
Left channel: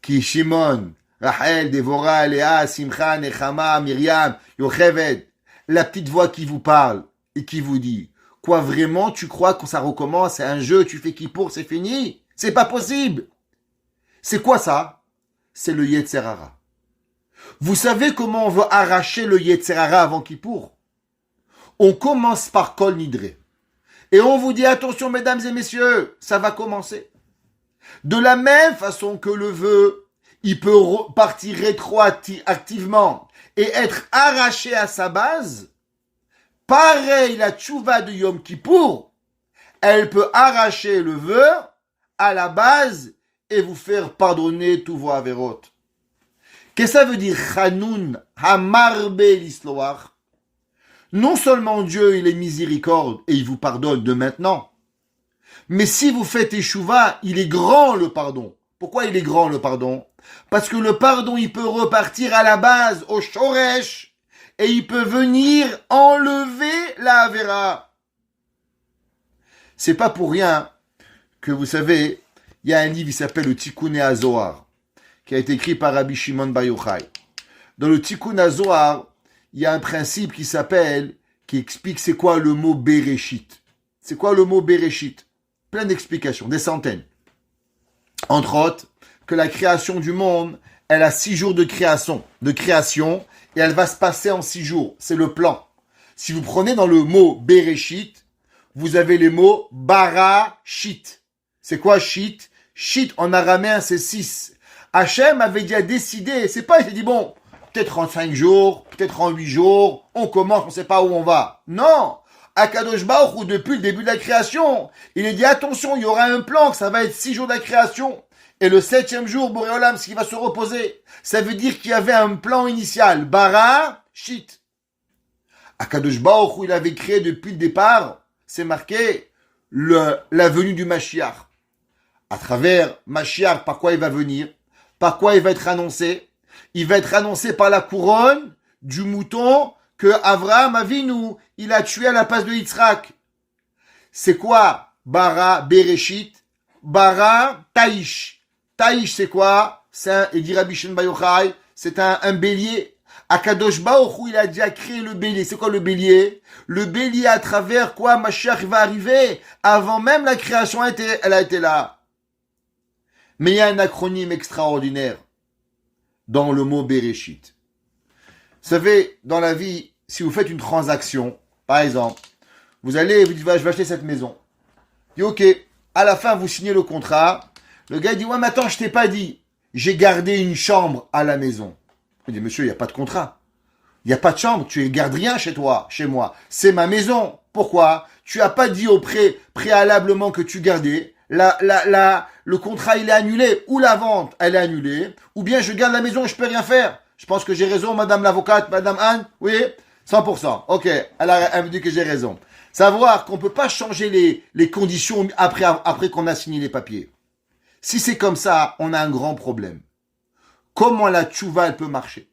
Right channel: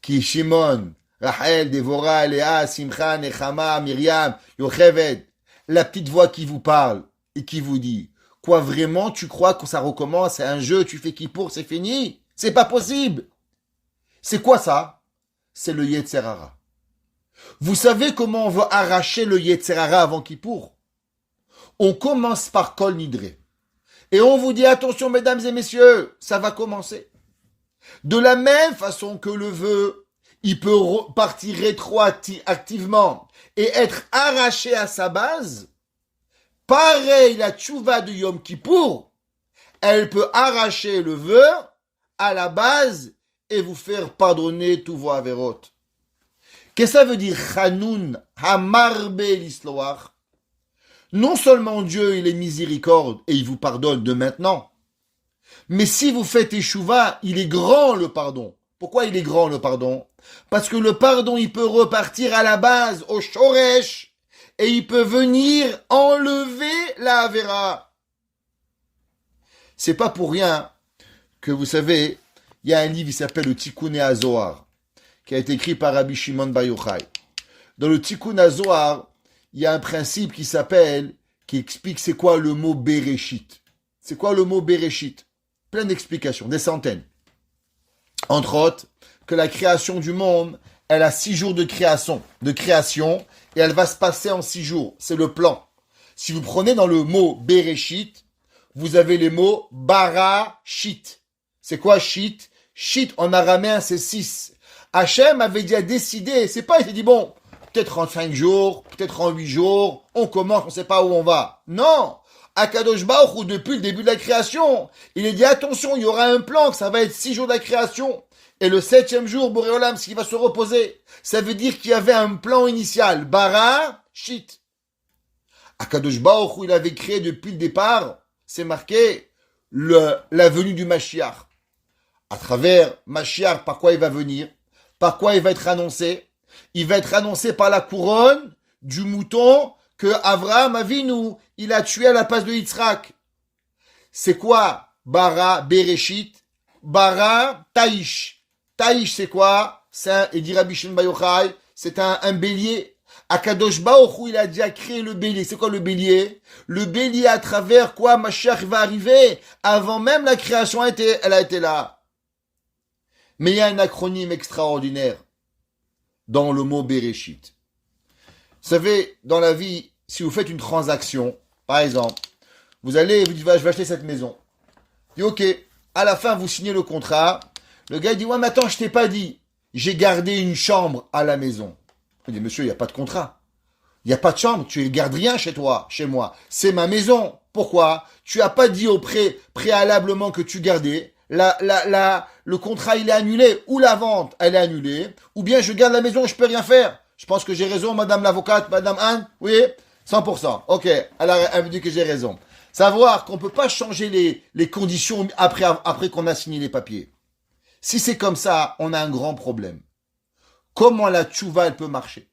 Qui Shimon, Rachel, Dévorah, Léa, Simcha, Nechama, Myriam, Yocheved. La petite voix qui vous parle et qui vous dit, quoi vraiment tu crois que ça recommence, c'est un jeu, tu fais Kippour, c'est fini? C'est pas possible. C'est quoi ça? C'est le Yetzer Hara. Vous savez comment on va arracher le Yetzer Hara avant Kippour? On commence par Kol Nidré. Et on vous dit, attention mesdames et messieurs, ça va commencer. De la même façon que le vœu, il peut partir rétroactivement et être arraché à sa base, pareil la tchouva de Yom Kippour, elle peut arracher le vœu à la base et vous faire pardonner tous vos avérotes. Qu'est-ce que ça veut dire Chanoun Hamarbe l'Isloach? Non seulement Dieu il est miséricorde et il vous pardonne de maintenant, mais si vous faites échouva, il est grand le pardon. Pourquoi il est grand le pardon? Parce que le pardon il peut repartir à la base, au shoresh, et il peut venir enlever la avéra. C'est pas pour rien que vous savez, il y a un livre qui s'appelle le Tikkun HaZohar, qui a été écrit par Rabbi Shimon Bar Yochai. Dans le Tikkun HaZohar, il y a un principe qui explique c'est quoi le mot Bereshit. C'est quoi le mot Bereshit? Plein d'explications, des centaines. Entre autres, que la création du monde, elle a 6 jours de création, et elle va se passer en 6 jours. C'est le plan. Si vous prenez dans le mot Bereshit, vous avez les mots Bara-shit. C'est quoi shit? Shit en araméen, c'est 6. Hachem avait déjà décidé, c'est pas, il s'est dit bon, peut-être en 5 jours, peut-être en 8 jours, on commence, on sait pas où on va. Non! Akadosh Baruch Hu, depuis le début de la création, il a dit attention, il y aura un plan, que ça va être 6 jours de la création. Et le 7e jour, Boré Olam, ce qui va se reposer. Ça veut dire qu'il y avait un plan initial. Bara, shit. Akadosh Baruch Hu, il avait créé depuis le départ, c'est marqué, la venue du Mashiach. À travers Mashiach, par quoi il va venir? Par quoi il va être annoncé? Il va être annoncé par la couronne du mouton que Avraham Avinu, il a tué à la place de Yitzhak. C'est quoi? Bara, Bereshit, Bara, Taïsh. Taïsh, c'est quoi? Et dit Rabbi Shimon Bar Yochai, c'est un bélier. Akadosh Baruch Hu, il a déjà créé le bélier. C'est quoi le bélier? Le bélier à travers quoi Mashiach va arriver. Avant même la création, elle a été là. Mais il y a un acronyme extraordinaire dans le mot Bereshit. Vous savez, dans la vie, si vous faites une transaction, par exemple, vous dites, je vais acheter cette maison. Il dit, ok, à la fin, vous signez le contrat. Le gars dit, ouais, mais attends, je t'ai pas dit. J'ai gardé une chambre à la maison. Il dit, monsieur, il n'y a pas de contrat. Il n'y a pas de chambre, tu ne gardes rien chez toi, chez moi. C'est ma maison. Pourquoi? Tu n'as pas dit préalablement que tu gardais. Le contrat, il est annulé. Ou la vente, elle est annulée. Ou bien je garde la maison et je peux rien faire. Je pense que j'ai raison, madame l'avocate, madame Anne. Oui, 100%. Ok, elle me dit que j'ai raison. Savoir qu'on ne peut pas changer les conditions après qu'on a signé les papiers. Si c'est comme ça, on a un grand problème. Comment la tchouva, elle peut marcher?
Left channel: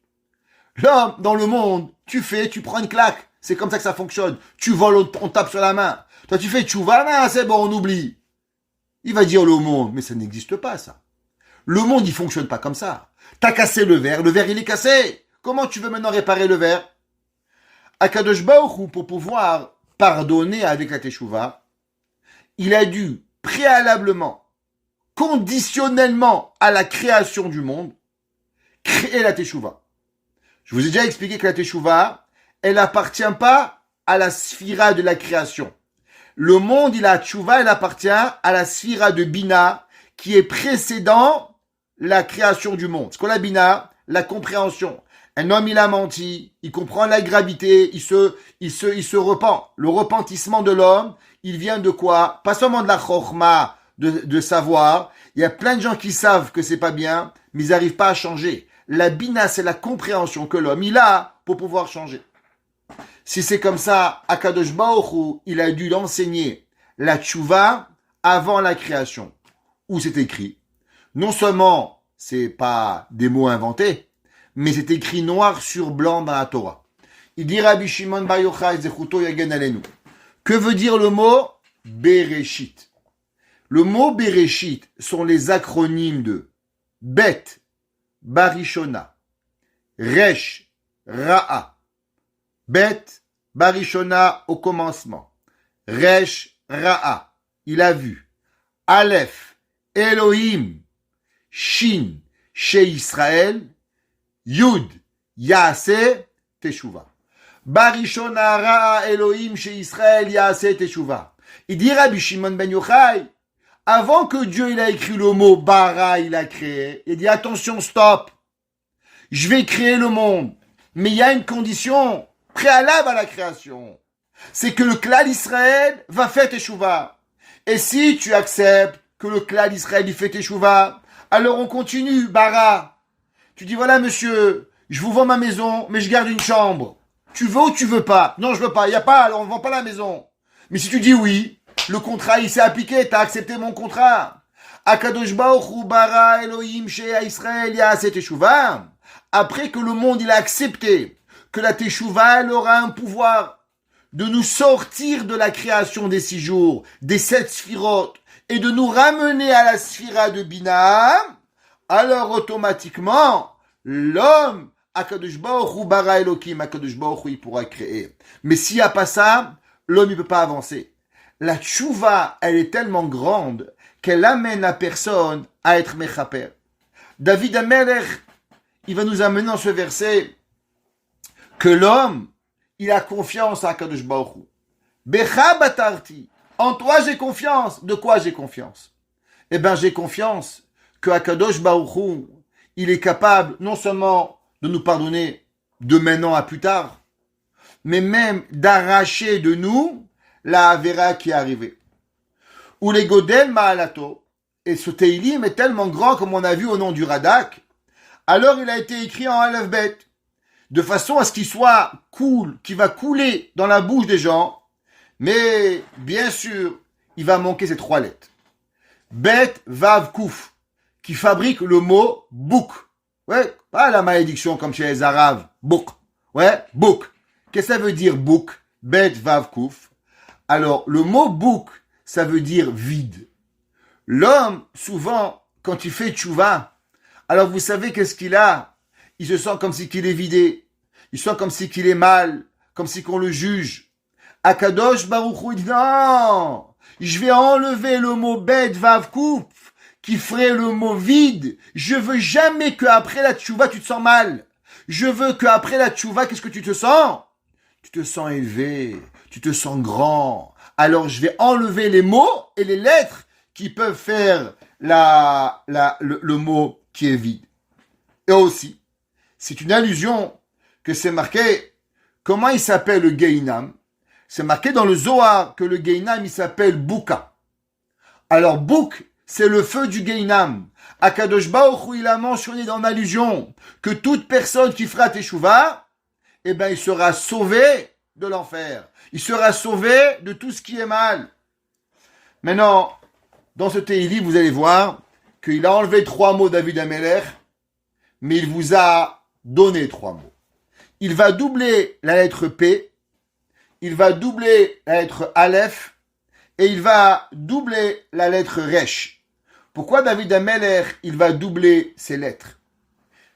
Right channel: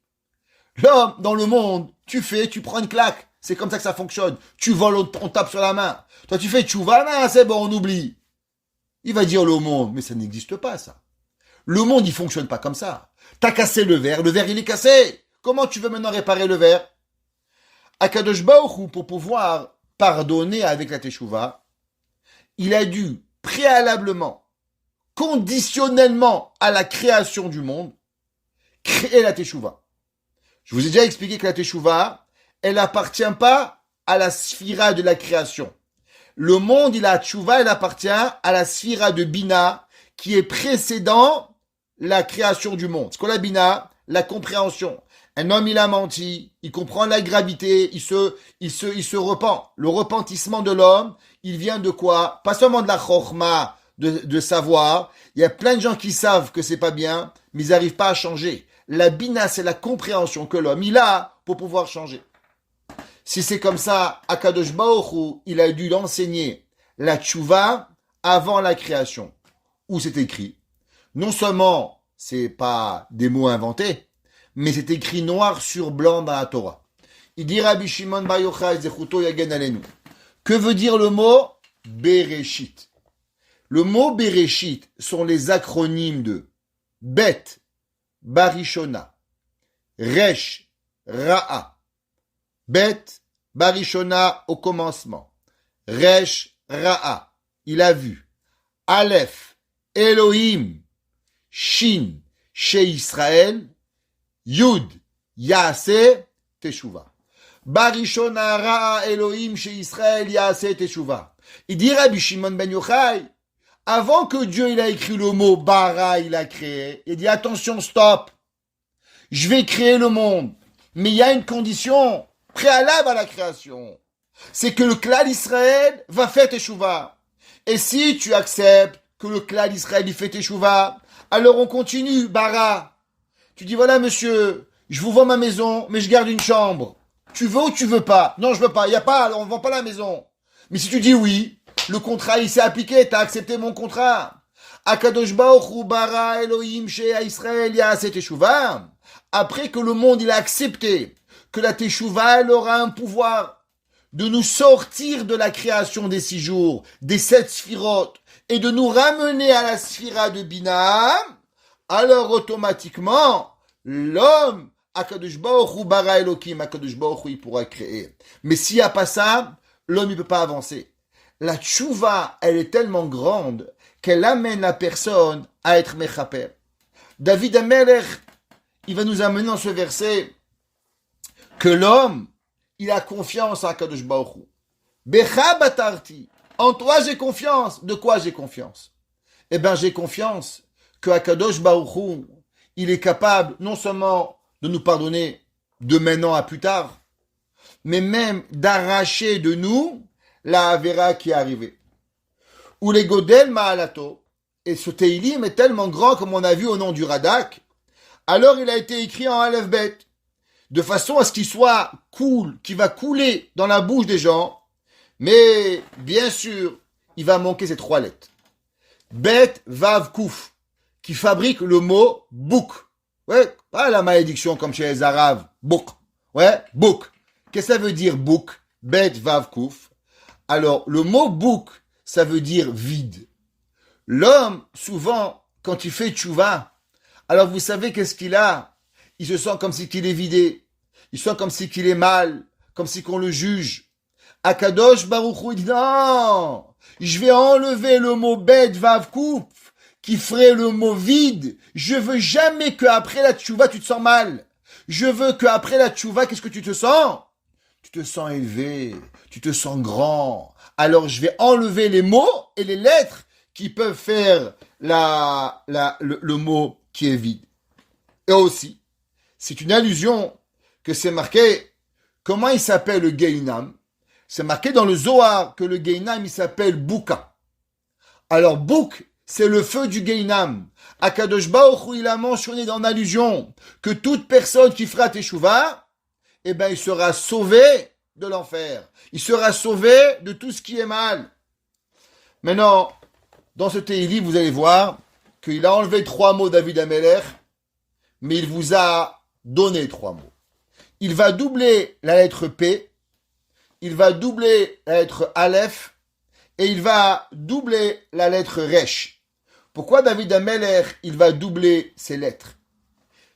Là, dans le monde, tu prends une claque. C'est comme ça que ça fonctionne. Tu voles, on tape sur la main. Toi, tu fais tchouva, non, c'est bon, on oublie. Il va dire le monde, mais ça n'existe pas, ça. Le monde, il fonctionne pas comme ça. T'as cassé le verre il est cassé. Comment tu veux maintenant réparer le verre? Akadosh Baruch Hu, pour pouvoir pardonner avec la teshuva, il a dû préalablement, conditionnellement à la création du monde, créer la teshuva. Je vous ai déjà expliqué que la teshuva, elle n'appartient pas à la sphira de la création. Le monde, il a teshuva, elle appartient à la sphira de Bina, qui est précédent la création du monde. C'est quoi la Bina? La compréhension. Un homme, il a menti, il comprend la gravité, il se repent. Le repentissement de l'homme, il vient de quoi? Pas seulement de la chorma, de savoir. Il y a plein de gens qui savent que c'est pas bien, mais ils n'arrivent pas à changer. La Bina, c'est la compréhension que l'homme, il a pour pouvoir changer. Si c'est comme ça, Akadosh Baruch Hu, il a dû l'enseigner la tchouva avant la création. Où c'est écrit? Non seulement c'est pas des mots inventés, mais c'est écrit noir sur blanc dans la Torah. Il dit Rabbi Shimon Bar Yochai Zechuto Yagen Alenu. Que veut dire le mot Bereshit? Le mot Bereshit sont les acronymes de Bet, Barishona, Resh, Ra'a. Bet, Barishona au commencement. Resh, Ra'a, il a vu. Aleph, Elohim, Shin, chez Israël, Yud, Yaase, Teshuva. Barishona, Ra'a, Elohim, chez Israël, Yaase, Teshuva. Il dit Rabbi Shimon ben Yochai, avant que Dieu il a écrit le mot bara, il a créé, il dit attention, stop, je vais créer le monde, mais il y a une condition préalable à la création, c'est que le clan d'Israël va faire teshuva. Et si tu acceptes que le clan d'Israël il fait teshuva, Alors on continue, bara. Tu dis, voilà monsieur, je vous vends ma maison, mais je garde une chambre. Tu veux ou tu veux pas? Non, je veux pas. Il y a pas, alors on vend pas la maison. Mais si tu dis oui, le contrat il s'est appliqué, t'as accepté mon contrat. Akadosh Baruch Hu bara Elohim shea Israël ya'aseh teshuva. Après que le monde il a accepté que la teshuva elle aura un pouvoir de nous sortir de la création des 6 jours, des 7 sphirotes, et de nous ramener à la sphira de Bina, alors automatiquement, l'homme, Akadosh Baruch Hu bara Elohim, Akadosh Baruch Hu, il pourra créer. Mais s'il n'y a pas ça, l'homme ne peut pas avancer. La tchouva, elle est tellement grande qu'elle amène la personne à être mechaper. David Amelech, il va nous amener dans ce verset que l'homme, il a confiance à Akadosh Baruch Hu. Becha batarti. En toi, j'ai confiance. De quoi j'ai confiance? Eh bien, j'ai confiance que Akadosh Baruch Hu, il est capable non seulement de nous pardonner de maintenant à plus tard, mais même d'arracher de nous la Avera qui est arrivée. Ou les Godel Maalato, et ce Teilim est tellement grand comme on a vu au nom du Radak, alors il a été écrit en Aleph Bet, de façon à ce qu'il soit cool, qu'il va couler dans la bouche des gens, mais bien sûr, il va manquer ces 3 lettres. Bet, Vav, Kouf, qui fabrique le mot bouk. Ouais, pas la malédiction comme chez les Arabes, bouk. Ouais, bouk. Qu'est-ce que ça veut dire bouk? Bet, Vav, Kouf. Alors, le mot bouk, ça veut dire vide. L'homme, souvent, quand il fait tchouva, alors vous savez qu'est-ce qu'il a? Il se sent comme si qu'il est vidé. Il se sent comme si qu'il est mal, comme si qu'on le juge. Akadosh Baruch Hu dit non, je vais enlever le mot bet vav kouf qui ferait le mot vide. Je veux jamais qu'après la tchouva tu te sens mal. Je veux qu'après la tchouva, qu'est-ce que tu te sens? Tu te sens élevé, tu te sens grand. Alors je vais enlever les mots et les lettres qui peuvent faire le mot qui est vide. Et aussi, c'est une allusion que c'est marqué, comment il s'appelle le Gehinam? C'est marqué dans le Zohar que le Gehinam il s'appelle Bouka. Alors Bouk, c'est le feu du Gehinam. Akadosh Baruch Hu, il a mentionné dans l'allusion que toute personne qui fera teshuva, eh ben il sera sauvé de l'enfer. Il sera sauvé de tout ce qui est mal. Maintenant, dans ce Tehillim, vous allez voir qu'il a enlevé 3 mots David Amelech, mais il vous a donné 3 mots. Il va doubler la lettre P, il va doubler la lettre Aleph, et il va doubler la lettre Resh. Pourquoi David Amelech, il va doubler ces lettres?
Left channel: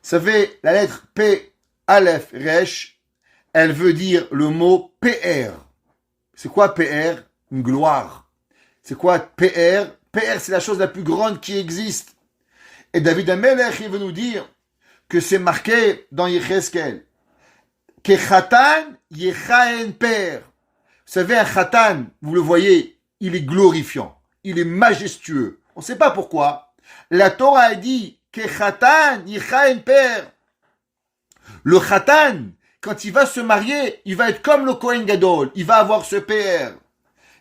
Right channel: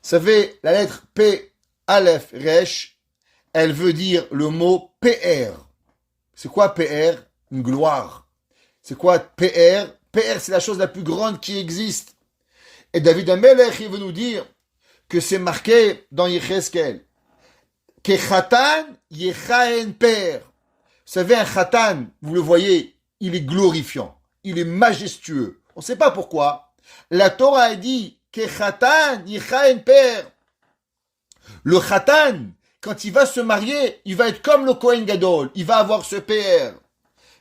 Vous savez, la lettre P, Aleph, Resh, elle veut dire le mot PR. C'est quoi PR? Une gloire. C'est quoi PR? PR, c'est la chose la plus grande qui existe. Et David Amelech, il veut nous dire que c'est marqué dans Yecheskel. Que Khatan Yechaen Per. Vous savez, un Khatan, vous le voyez, il est glorifiant. Il est majestueux. On ne sait pas pourquoi. La Torah a dit que Khatan Yechaen Per. Le Khatan, quand il va se marier, il va être comme le Kohen Gadol. Il va avoir ce PR.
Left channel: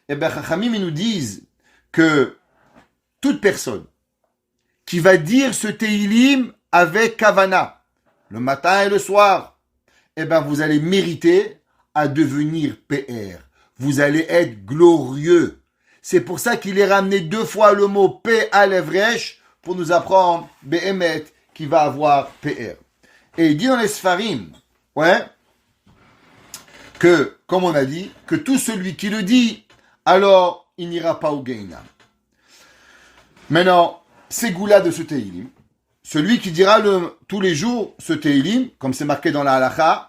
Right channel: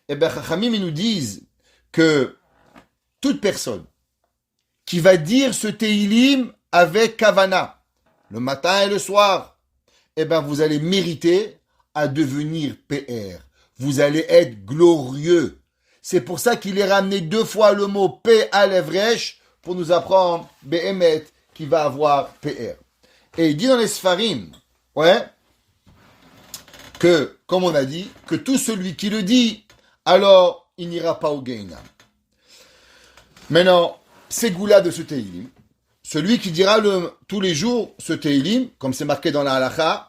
Eh bien, Chachamim, ils nous disent que toute personne qui va dire ce Tehillim avec Kavana, le matin et le soir, eh bien, vous allez mériter à devenir PR. Vous allez être glorieux. C'est pour ça qu'il est ramené 2 fois le mot P à l'Evresh pour nous apprendre Behemet qui va avoir PR. Et il dit dans les Sfarim, ouais, que, comme on a dit, que tout celui qui le dit, alors il n'ira pas au Gehinam. Maintenant, c'est Goula de ce Tehillim. Celui qui dira tous les jours ce Tehillim, comme c'est marqué dans la Halacha,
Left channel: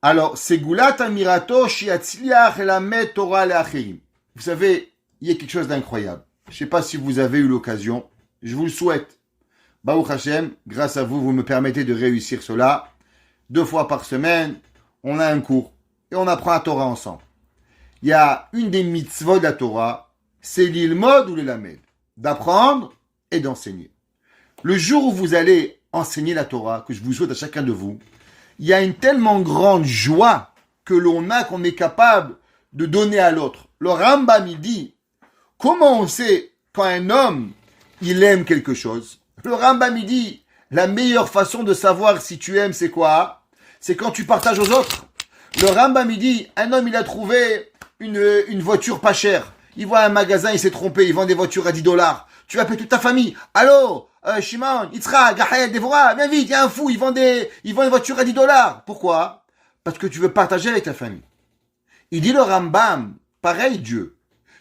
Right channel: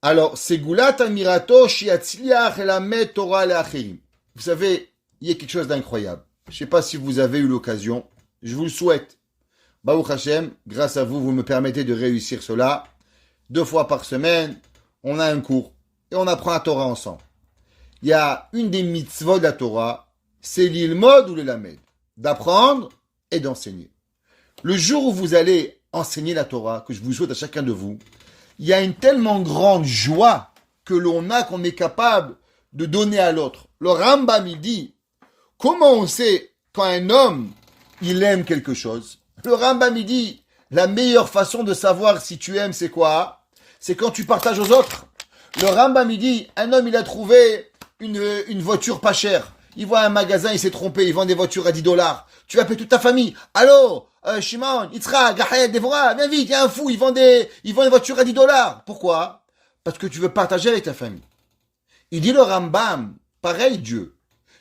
alors c'est Goulat Amirato Shiatzliach Elamet Torah Leacherim. Vous savez, il y a quelque chose d'incroyable. Je ne sais pas si vous avez eu l'occasion, je vous le souhaite. Baruch Hashem, grâce à vous, vous me permettez de réussir cela. 2 fois par semaine, on a un cours et on apprend la Torah ensemble. Il y a une des mitzvot de la Torah, c'est l'ilmod ou l'elamed, d'apprendre et d'enseigner. Le jour où vous allez enseigner la Torah, que je vous souhaite à chacun de vous, il y a une tellement grande joie que l'on a qu'on est capable de donner à l'autre. Le Rambam, il dit, comment on sait quand un homme, il aime quelque chose? Le Rambam, il dit, la meilleure façon de savoir si tu aimes, c'est quoi? C'est quand tu partages aux autres. Le Rambam, il dit, un homme, il a trouvé une voiture pas chère. Il voit un magasin, il s'est trompé, il vend des voitures à $10. Tu appelles toute ta famille. Allô, Shimon, Yitzhak, Gahed, Devorah, viens vite, il y a un fou, il vend des voitures à $10. Pourquoi? Parce que tu veux partager avec ta famille. Il dit le Rambam, pareil Dieu.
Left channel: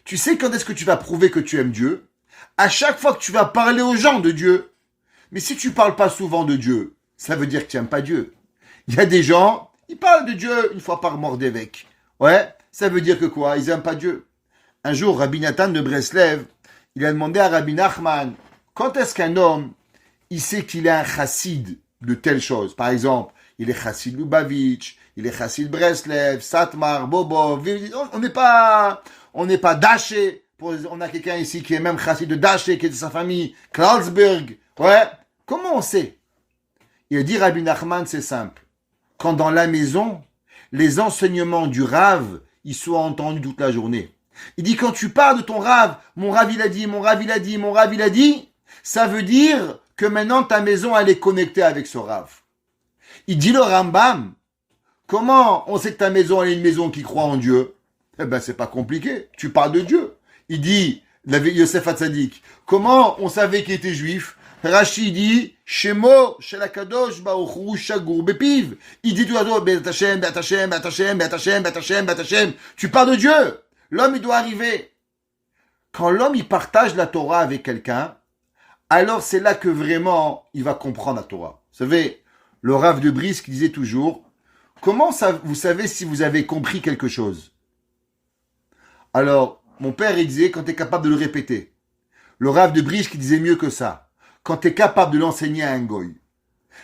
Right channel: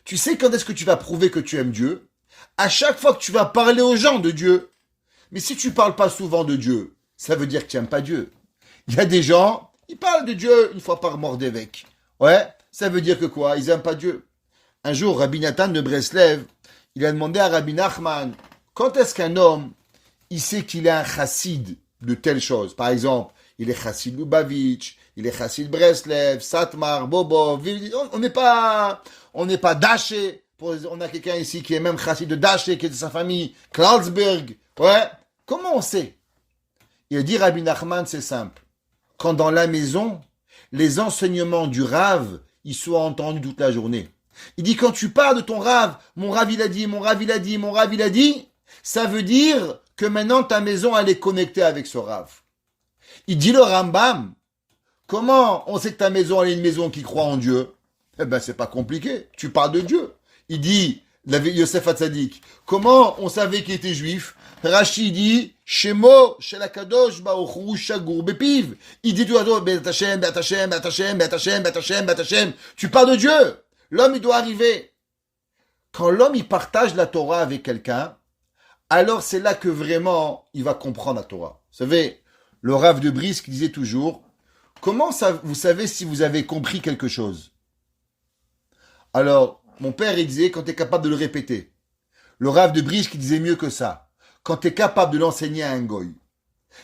Tu sais quand est-ce que tu vas prouver que tu aimes Dieu? À chaque fois que tu vas parler aux gens de Dieu. Mais si tu parles pas souvent de Dieu, ça veut dire que tu n'aimes pas Dieu. Il y a des gens, ils parlent de Dieu une fois par mordévêque. Ouais, ça veut dire que quoi? Ils n'aiment pas Dieu. Un jour, Rabbi Nathan de Breslev, il a demandé à Rabbi Nachman, quand est-ce qu'un homme, il sait qu'il est un chassid de telle chose? Par exemple, il est chassid Lubavitch, il est chassid Breslev, Satmar, Bobov, on n'est pas Daché. On a quelqu'un ici qui est même chassid de Daché, qui est de sa famille, Klautsburg. Ouais. Comment on sait? Il dit Rabbi Nachman, c'est simple. Quand dans la maison, les enseignements du Rav, ils soient entendus toute la journée. Il dit quand tu parles de ton Rav, mon Rav il a dit, mon Rav il a dit, mon Rav il a dit, ça veut dire que maintenant ta maison elle est connectée avec ce Rav. Il dit le Rambam, comment on sait que ta maison elle est une maison qui croit en Dieu? Eh ben c'est pas compliqué, tu parles de Dieu. Il dit, Yosef Hatzadik, comment on savait qu'il était juif? Rashi dit, Shemo, Shelakadosh, Baochou, Shagour, Bepiv. Il dit tout à l'heure, Bet Hashem, Bet Hashem, Bet Hashem, Bet Hashem, Bet Hashem, Bet Hashem. Tu parles de Dieu. L'homme, il doit arriver. Quand l'homme, il partage la Torah avec quelqu'un, alors c'est là que vraiment, il va comprendre la Torah. Vous savez, le Rav de Brisk disait toujours, comment ça, vous savez si vous avez compris quelque chose? Alors, mon père, il disait, quand tu es capable de le répéter. Le Rav de Brisk, il disait mieux que ça. Quand tu es capable de l'enseigner à un goy.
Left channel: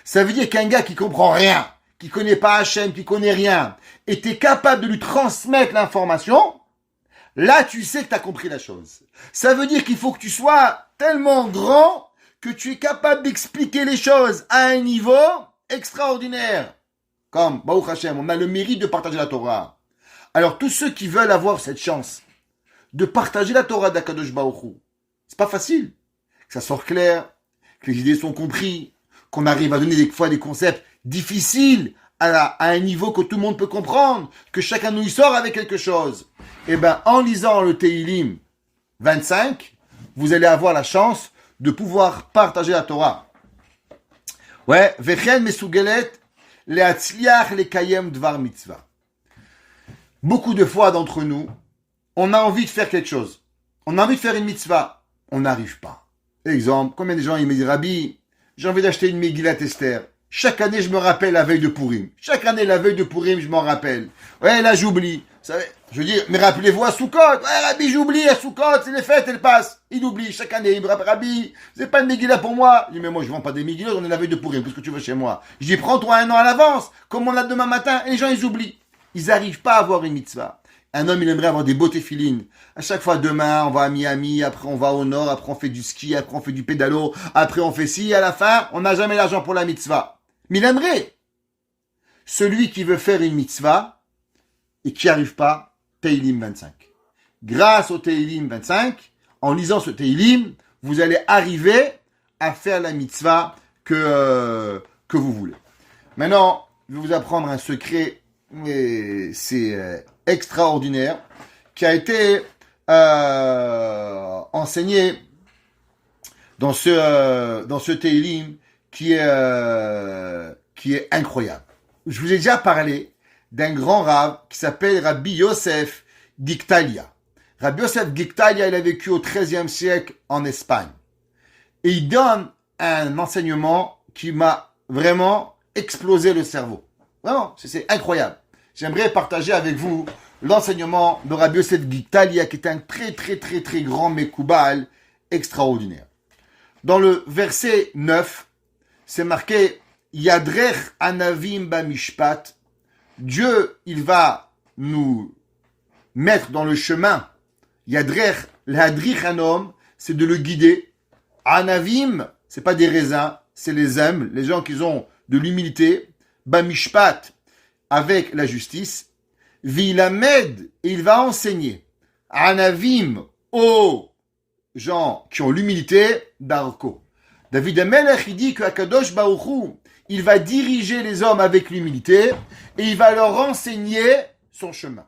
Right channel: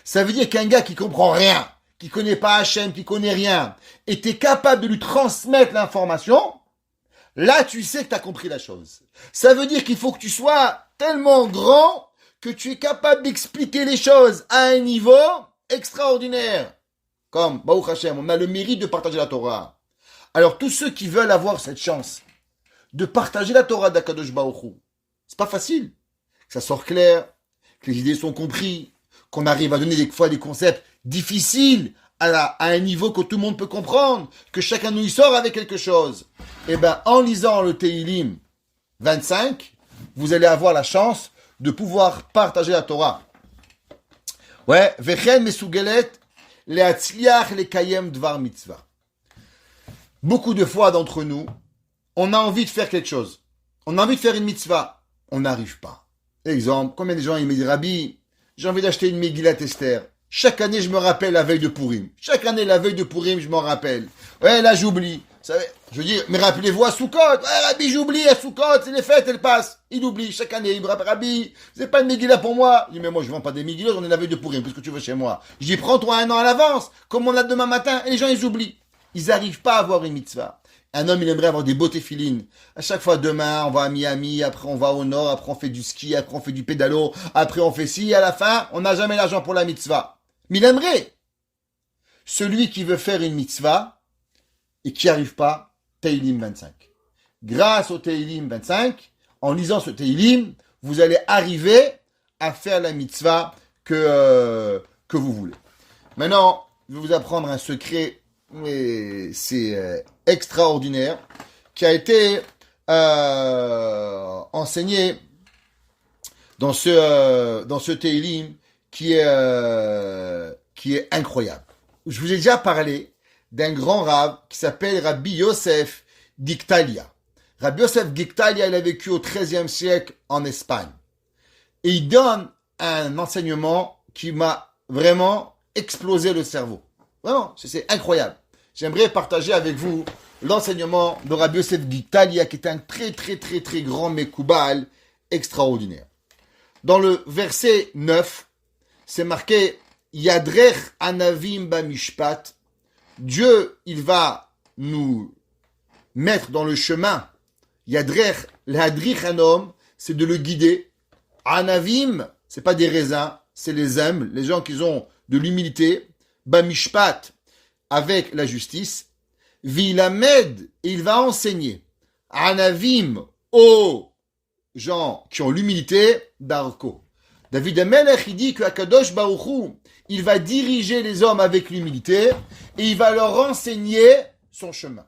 Ça veut dire qu'un gars qui comprend rien, qui connaît pas Hachem, qui connaît rien, et tu es capable de lui transmettre l'information, là, tu sais que tu as compris la chose. Ça veut dire qu'il faut que tu sois tellement grand que tu es capable d'expliquer les choses à un niveau extraordinaire. Comme, Baruch Hashem, on a le mérite de partager la Torah. Alors, tous ceux qui veulent avoir cette chance de partager la Torah d'Akadosh Baruch Hu, c'est pas facile. Que ça sort clair, que les idées sont comprises, qu'on arrive à donner des fois des concepts difficiles à un niveau que tout le monde peut comprendre, que chacun de nous y sort avec quelque chose. Eh bien, en lisant le Tehillim 25, vous allez avoir la chance de pouvoir partager la Torah. Ouais, Vechen Mesugelet, Leatzliach Lekayem Dvar Mitzvah. Beaucoup de fois d'entre nous, on a envie de faire quelque chose. On a envie de faire une mitzvah. On n'arrive pas. Exemple, combien de gens ils me disent, Rabbi, j'ai envie d'acheter une Megillat Esther. Chaque année, je me rappelle la veille de Purim. Chaque année, la veille de Purim, je m'en rappelle. Ouais, là, j'oublie. Vous savez, je veux dire, mais rappelez-vous à Soukot. Ouais, Rabbi, j'oublie à Soukot. C'est les fêtes, elles passent. Il oublie. Chaque année, il me rappelle, Rabbi, c'est pas une Megillah pour moi. Je dis, mais moi, je vends pas des Megillah, on est la veille de Purim. Qu'est-ce que tu veux chez moi? Je dis, prends-toi un an à l'avance. Comme on a demain matin. Et les gens, ils oublient. Ils n'arrivent pas à avoir une mitzvah. Un homme, il aimerait avoir des beaux téfilines. À chaque fois, demain, on va à Miami, après on va au nord, après on fait du ski, après on fait du pédalo, après on fait ci, à la fin, on n'a jamais l'argent pour la mitzvah. Mais il aimerait. Celui qui veut faire une mitzvah et qui n'y arrive pas, Tehillim 25. Grâce au Tehillim 25, en lisant ce Tehillim, vous allez arriver à faire la mitzvah que vous voulez. Maintenant, je vais vous apprendre un secret, mais c'est extraordinaire, qui a été enseigné dans ce Tehillim qui est incroyable. Je vous ai déjà parlé d'un grand rave qui s'appelle Rabbi Yosef Giktalia. Rabbi Yosef Giktalia, il a vécu au XIIIe siècle en Espagne. Et il donne un enseignement qui m'a vraiment explosé le cerveau. Vraiment, c'est incroyable. J'aimerais partager avec vous l'enseignement de Rabbi Yosef Giktalia, qui est un très très très très grand Mekoubal extraordinaire. Dans le verset 9, c'est marqué Yadrech Anavim Bamishpat. Dieu, il va nous mettre dans le chemin. Yadrech, l'Hadrich Anom, c'est de le guider. Anavim, c'est pas des raisins, c'est les âmes, les gens qui ont de l'humilité. Bamishpat, avec la justice. Vilamed, et il va enseigner. Anavim, aux gens qui ont l'humilité, Darko. David Amelech, il dit que Akadosh Baruch Hu, il va diriger les hommes avec l'humilité et il va leur enseigner son chemin.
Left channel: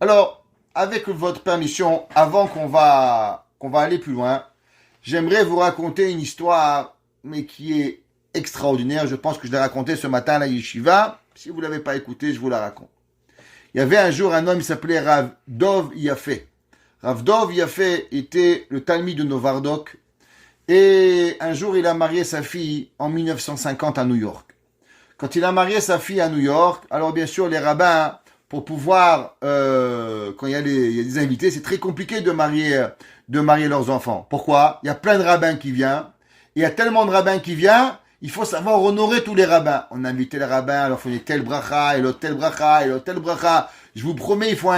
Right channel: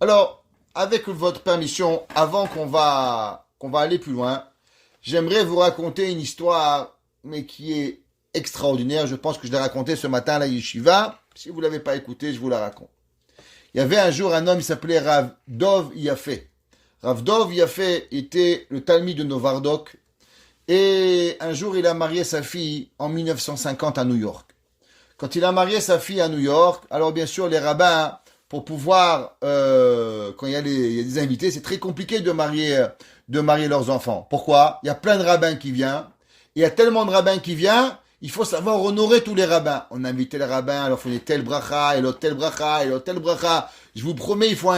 Alors, avec votre permission, avant qu'on va aller plus loin, j'aimerais vous raconter une histoire, mais qui est extraordinaire. Je pense que je l'ai racontée ce matin à la yeshiva. Si vous ne l'avez pas écoutée, je vous la raconte. Il y avait un jour un homme qui s'appelait Rav Dov Yafé. Rav Dov Yafé était le Talmid de Novardok. Et un jour, il a marié sa fille en 1950 à New York. Quand il a marié sa fille à New York, alors bien sûr, les rabbins, pour pouvoir, quand il y a des invités, c'est très compliqué de marier leurs enfants. Pourquoi? Il y a plein de rabbins qui viennent. Il y a tellement de rabbins qui viennent, il faut savoir honorer tous les rabbins. On a invité les rabbins, alors il faut tel bracha, et l'autre tel bracha, et l'autre tel bracha. Je vous promets, il faut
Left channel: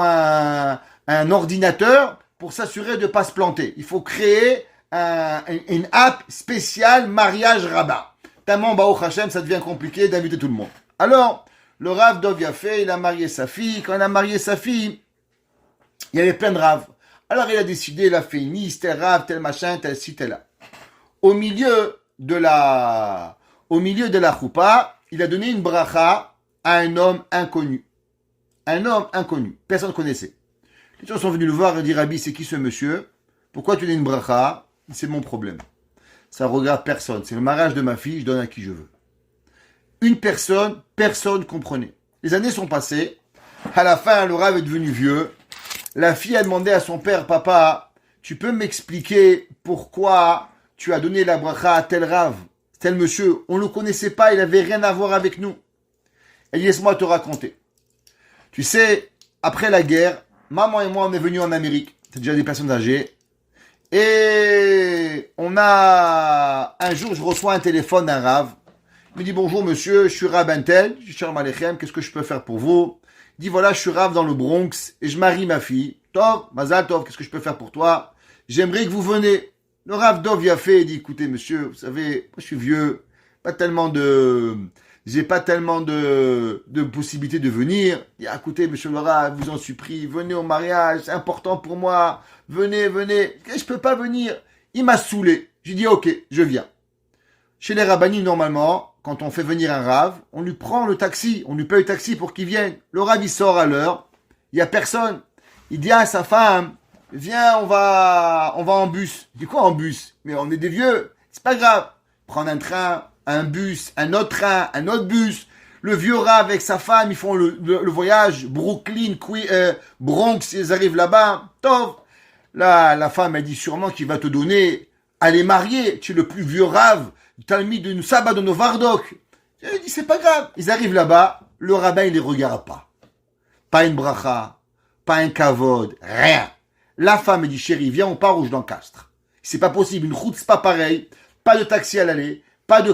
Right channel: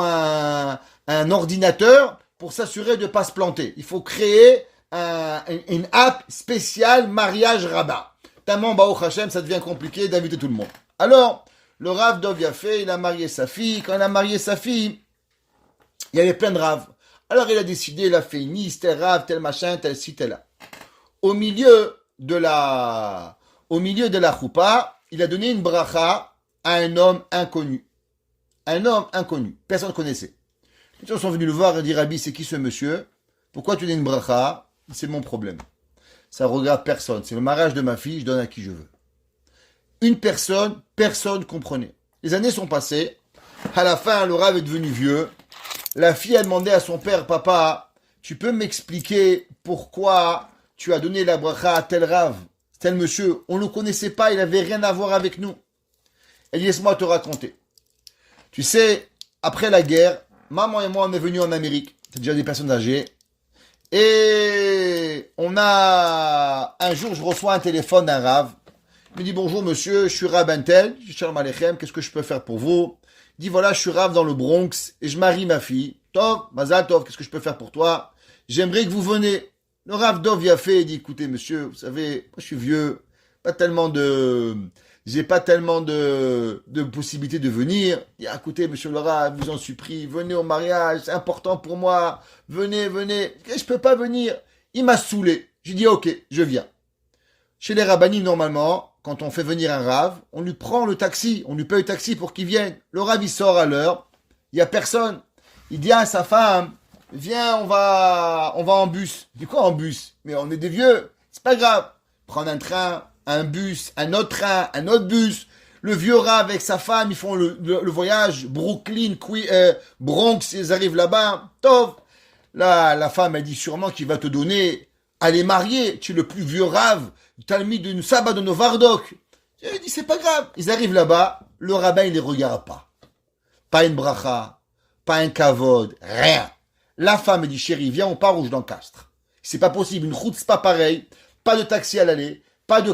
un ordinateur pour s'assurer de ne pas se planter. Il faut créer une app spéciale mariage rabbin. Tellement, Baruch Hashem, ça devient compliqué d'inviter tout le monde. Alors, le Rav Dov Yafé, il a marié sa fille. Quand il a marié sa fille, il y avait plein de Rav. Alors, il a décidé, il a fait une liste, tel Rav, tel machin, tel ci, tel là. Au milieu de la choupa, il a donné une bracha à un homme inconnu. Un homme inconnu. Personne ne connaissait. Les gens sont venus le voir et dire, Rabbi, c'est qui ce monsieur? Pourquoi tu donnes une bracha? C'est mon problème. Ça regarde personne. C'est le mariage de ma fille, je donne à qui je veux. Une personne comprenait. Les années sont passées. À la fin, le Rav est devenu vieux. La fille a demandé à son père, papa, tu peux m'expliquer pourquoi tu as donné la bracha à tel Rav, tel monsieur? On ne le connaissait pas, il n'avait rien à voir avec nous. Et laisse-moi te raconter. Tu sais, après la guerre, maman et moi, on est venus en Amérique. C'est déjà des personnes âgées. Et un jour, je reçois un téléphone d'un Rav. Il me dit, bonjour monsieur, je suis Rav Bentel. Je dis, Shalom Aleichem, qu'est-ce que je peux faire pour vous? Il dit, voilà, je suis Rav dans le Bronx et je marie ma fille. Tov, Mazal Tov, qu'est-ce que je peux faire pour toi? J'aimerais que vous venez. Le Rav Dov Yafé dit, écoutez monsieur, vous savez, moi je suis vieux, j'ai pas tellement de possibilités de venir. Il dit, écoutez monsieur le Rav, vous en supplie, venez au mariage, c'est important pour moi. Venez. Je peux pas venir. Il m'a saoulé. J'ai dit, ok, je viens. Chez les rabbinim, normalement, quand on fait venir un Rav, on lui prend le taxi, on lui paye le taxi pour qu'il vienne. Le Rav, il sort à l'heure, il y a personne. Il dit à sa femme, viens, on va en bus. Il dit, quoi en bus? Mais on est des vieux, c'est pas grave. Prendre un train, un bus, un autre train, un autre bus. Le vieux Rav avec sa femme, ils font le voyage, Brooklyn, Bronx, ils arrivent là-bas. Tov. Là, la femme, elle dit sûrement qu'il va te donner à les marier. Tu es le plus vieux Rav, Talmid de Sabbat de Novardok. Il dit, c'est pas grave. Ils arrivent là-bas, le rabbin, il les regarde pas. Pas une bracha, pas un kavod, rien. La femme, elle dit, chérie, viens, on part ou je l'encastre. C'est pas possible, une route, c'est pas pareil. Pas de taxi à l'aller, pas de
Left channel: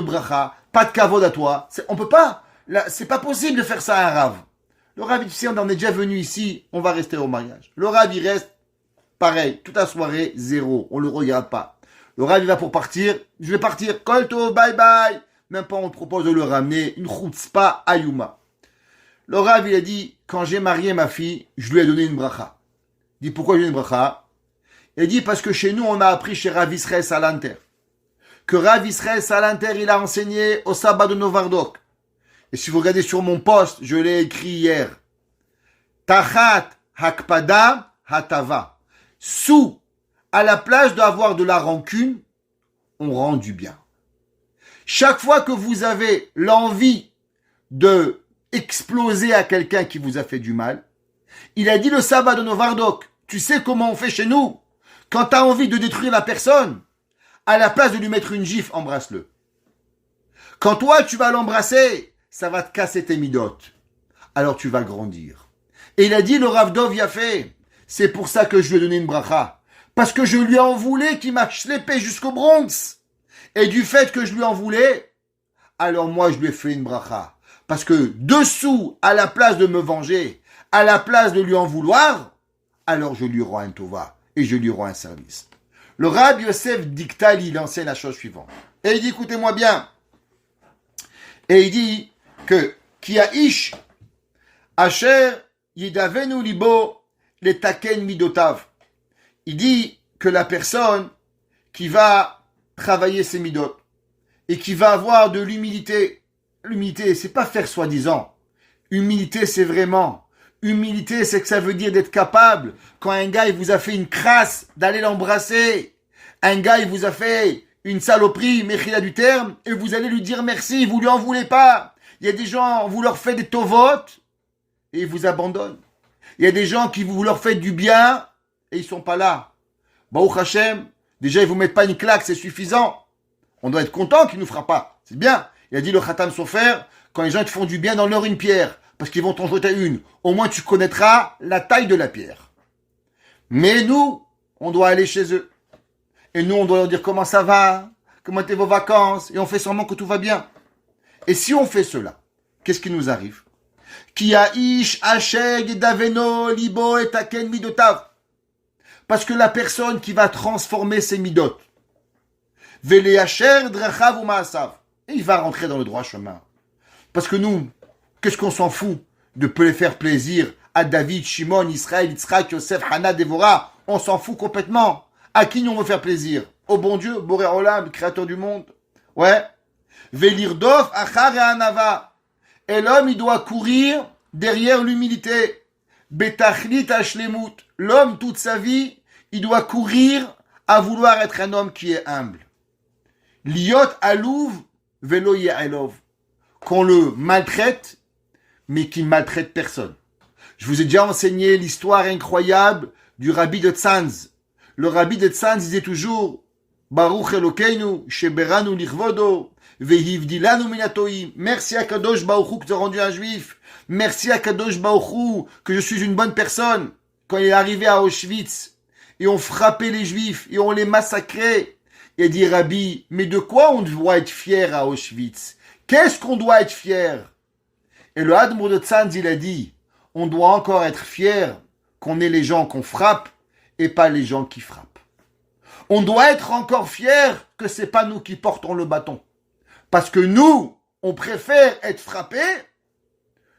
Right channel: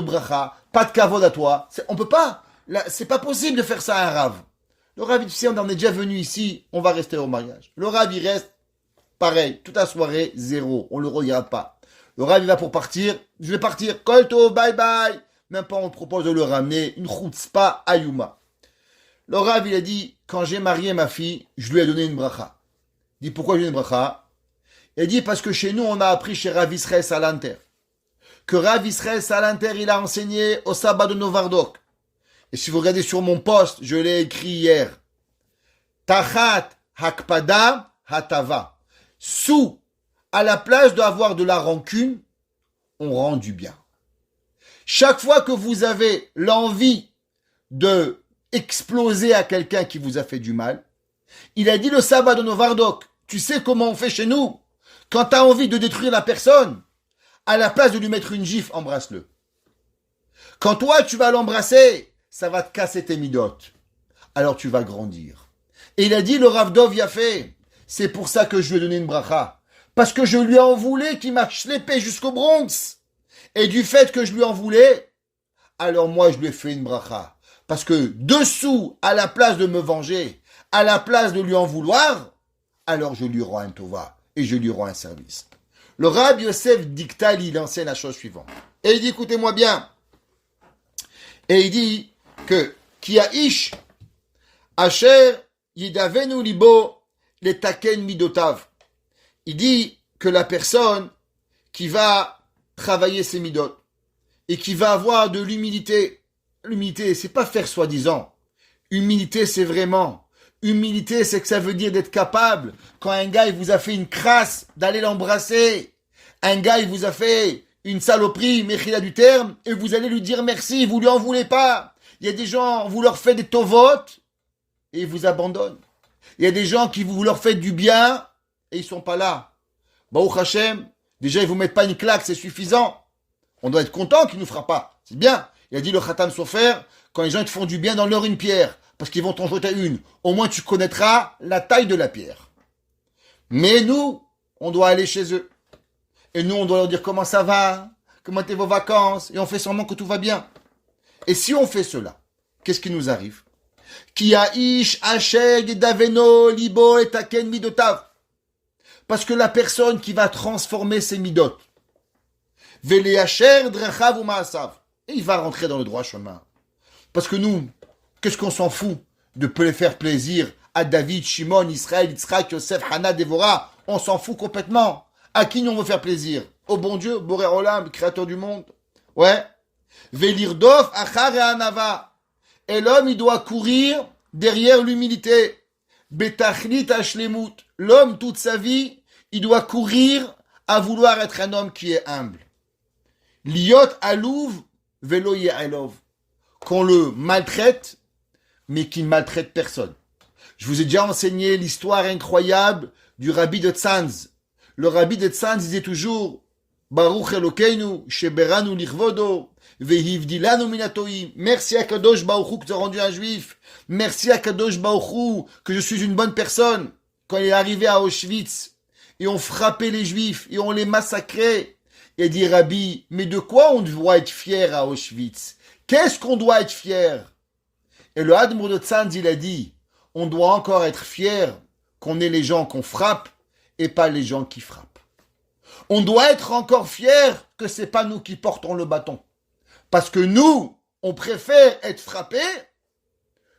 bracha, pas de kavod à toi. On peut pas. Là, c'est pas possible de faire ça à un Rav. Le Rav, il dit, on en est déjà venu ici, on va rester au mariage. Le Rav, il reste pareil, toute la soirée, zéro. On le regarde pas. Le Rav, il va pour partir. Je vais partir. Kolto, bye bye. Même pas, on propose de le ramener. Une chutzpah ayuma. Le Rav, il a dit, quand j'ai marié ma fille, je lui ai donné une bracha. Il dit, pourquoi j'ai une bracha? Il a dit, parce que chez nous, on a appris chez Rav Israël Salanter. Que Rav Israël Salanter, il a enseigné au sabbat de Novardok. Et si vous regardez sur mon post, je l'ai écrit hier. Tachat hakpada hatava. Sous, à la place d'avoir de la rancune, on rend du bien. Chaque fois que vous avez l'envie de exploser à quelqu'un qui vous a fait du mal, il a dit le sabbat de Novardok, tu sais comment on fait chez nous? Quand tu as envie de détruire la personne, à la place de lui mettre une gifle, embrasse-le. Quand toi, tu vas l'embrasser, ça va te casser tes midotes. Alors tu vas grandir. Et il a dit le Rav Dov Yafé, c'est pour ça que je lui ai donné une bracha. Parce que je lui en voulais qu'il m'a schleppé jusqu'au Bronx. Et du fait que je lui en voulais, alors moi je lui ai fait une bracha. Parce que dessous, à la place de me venger, à la place de lui en vouloir, alors je lui rends un tova et je lui rends un service. Le Rabbi Yosef Diktali, il enseigne la chose suivante. Et il dit, écoutez-moi bien. Et il dit que qui a ish asher yidavenu libo les taken midotav. Il dit que la personne qui va travailler ses midot et qui va avoir de l'humilité. L'humilité, c'est pas faire soi-disant. Humilité, c'est vraiment. Humilité, c'est que ça veut dire d'être capable, quand un gars il vous a fait une crasse, d'aller l'embrasser. Un gars il vous a fait une saloperie, méchila du terme, et vous allez lui dire merci, vous lui en voulez pas. Il y a des gens, vous leur faites des tovotes, et ils vous abandonnent. Il y a des gens qui vous leur faites du bien, et ils sont pas là. Baruch Hashem, déjà ils vous mettent pas une claque, c'est suffisant. On doit être content qu'il nous fera pas. C'est bien. Il a dit le Khatam Sofer, quand les gens te font du bien, donne-leur une pierre, parce qu'ils vont t'en jeter une. Au moins tu connaîtras la taille de la pierre. Mais nous, on doit aller chez eux. Et nous, on doit leur dire comment ça va, comment étaient vos vacances, et on fait semblant que tout va bien. Et si on fait cela, qu'est-ce qui nous arrive? Ki aish asheg daveno libo et taken midotav. Parce que la personne qui va transformer ses midot, vele asher drachav ou maasav, et il va rentrer dans le droit chemin. Parce que nous, qu'est-ce qu'on s'en fout de faire plaisir à David, Shimon, Israël, Yitzhak, Yosef, Hana, Dévorah? On s'en fout complètement. À qui on veut faire plaisir? Au bon Dieu, Boré Olam, créateur du monde. Ouais. Velirdov, achar et anava. Et l'homme, il doit courir derrière l'humilité. Betachlit ashlemut. L'homme, toute sa vie, il doit courir à vouloir être un homme qui est humble. Liot alouv, velo ye'elov. Qu'on le maltraite, mais qu'il ne maltraite personne. Je vous ai déjà enseigné l'histoire incroyable du rabbi de Tzanz. Le rabbi de Tzanz disait toujours Baruch Elokeinu, Sheberanu Lichvodo, Vehivdilanu Minatoim. Merci à Kadosh Baruch Hu que tu as rendu un juif. Merci à Kadosh Baruch Hu que je suis une bonne personne. Quand il est arrivé à Auschwitz, et on frappait les juifs, et on les massacrait, il a dit Rabbi, mais de quoi on doit être fier à Auschwitz? Qu'est-ce qu'on doit être fier? Et le Admour de Tzanz, il a dit, on doit encore être fier qu'on ait les gens qu'on frappe et pas les gens qui frappent. On doit être encore fier que c'est pas nous qui portons le bâton. Parce que nous, on préfère être frappés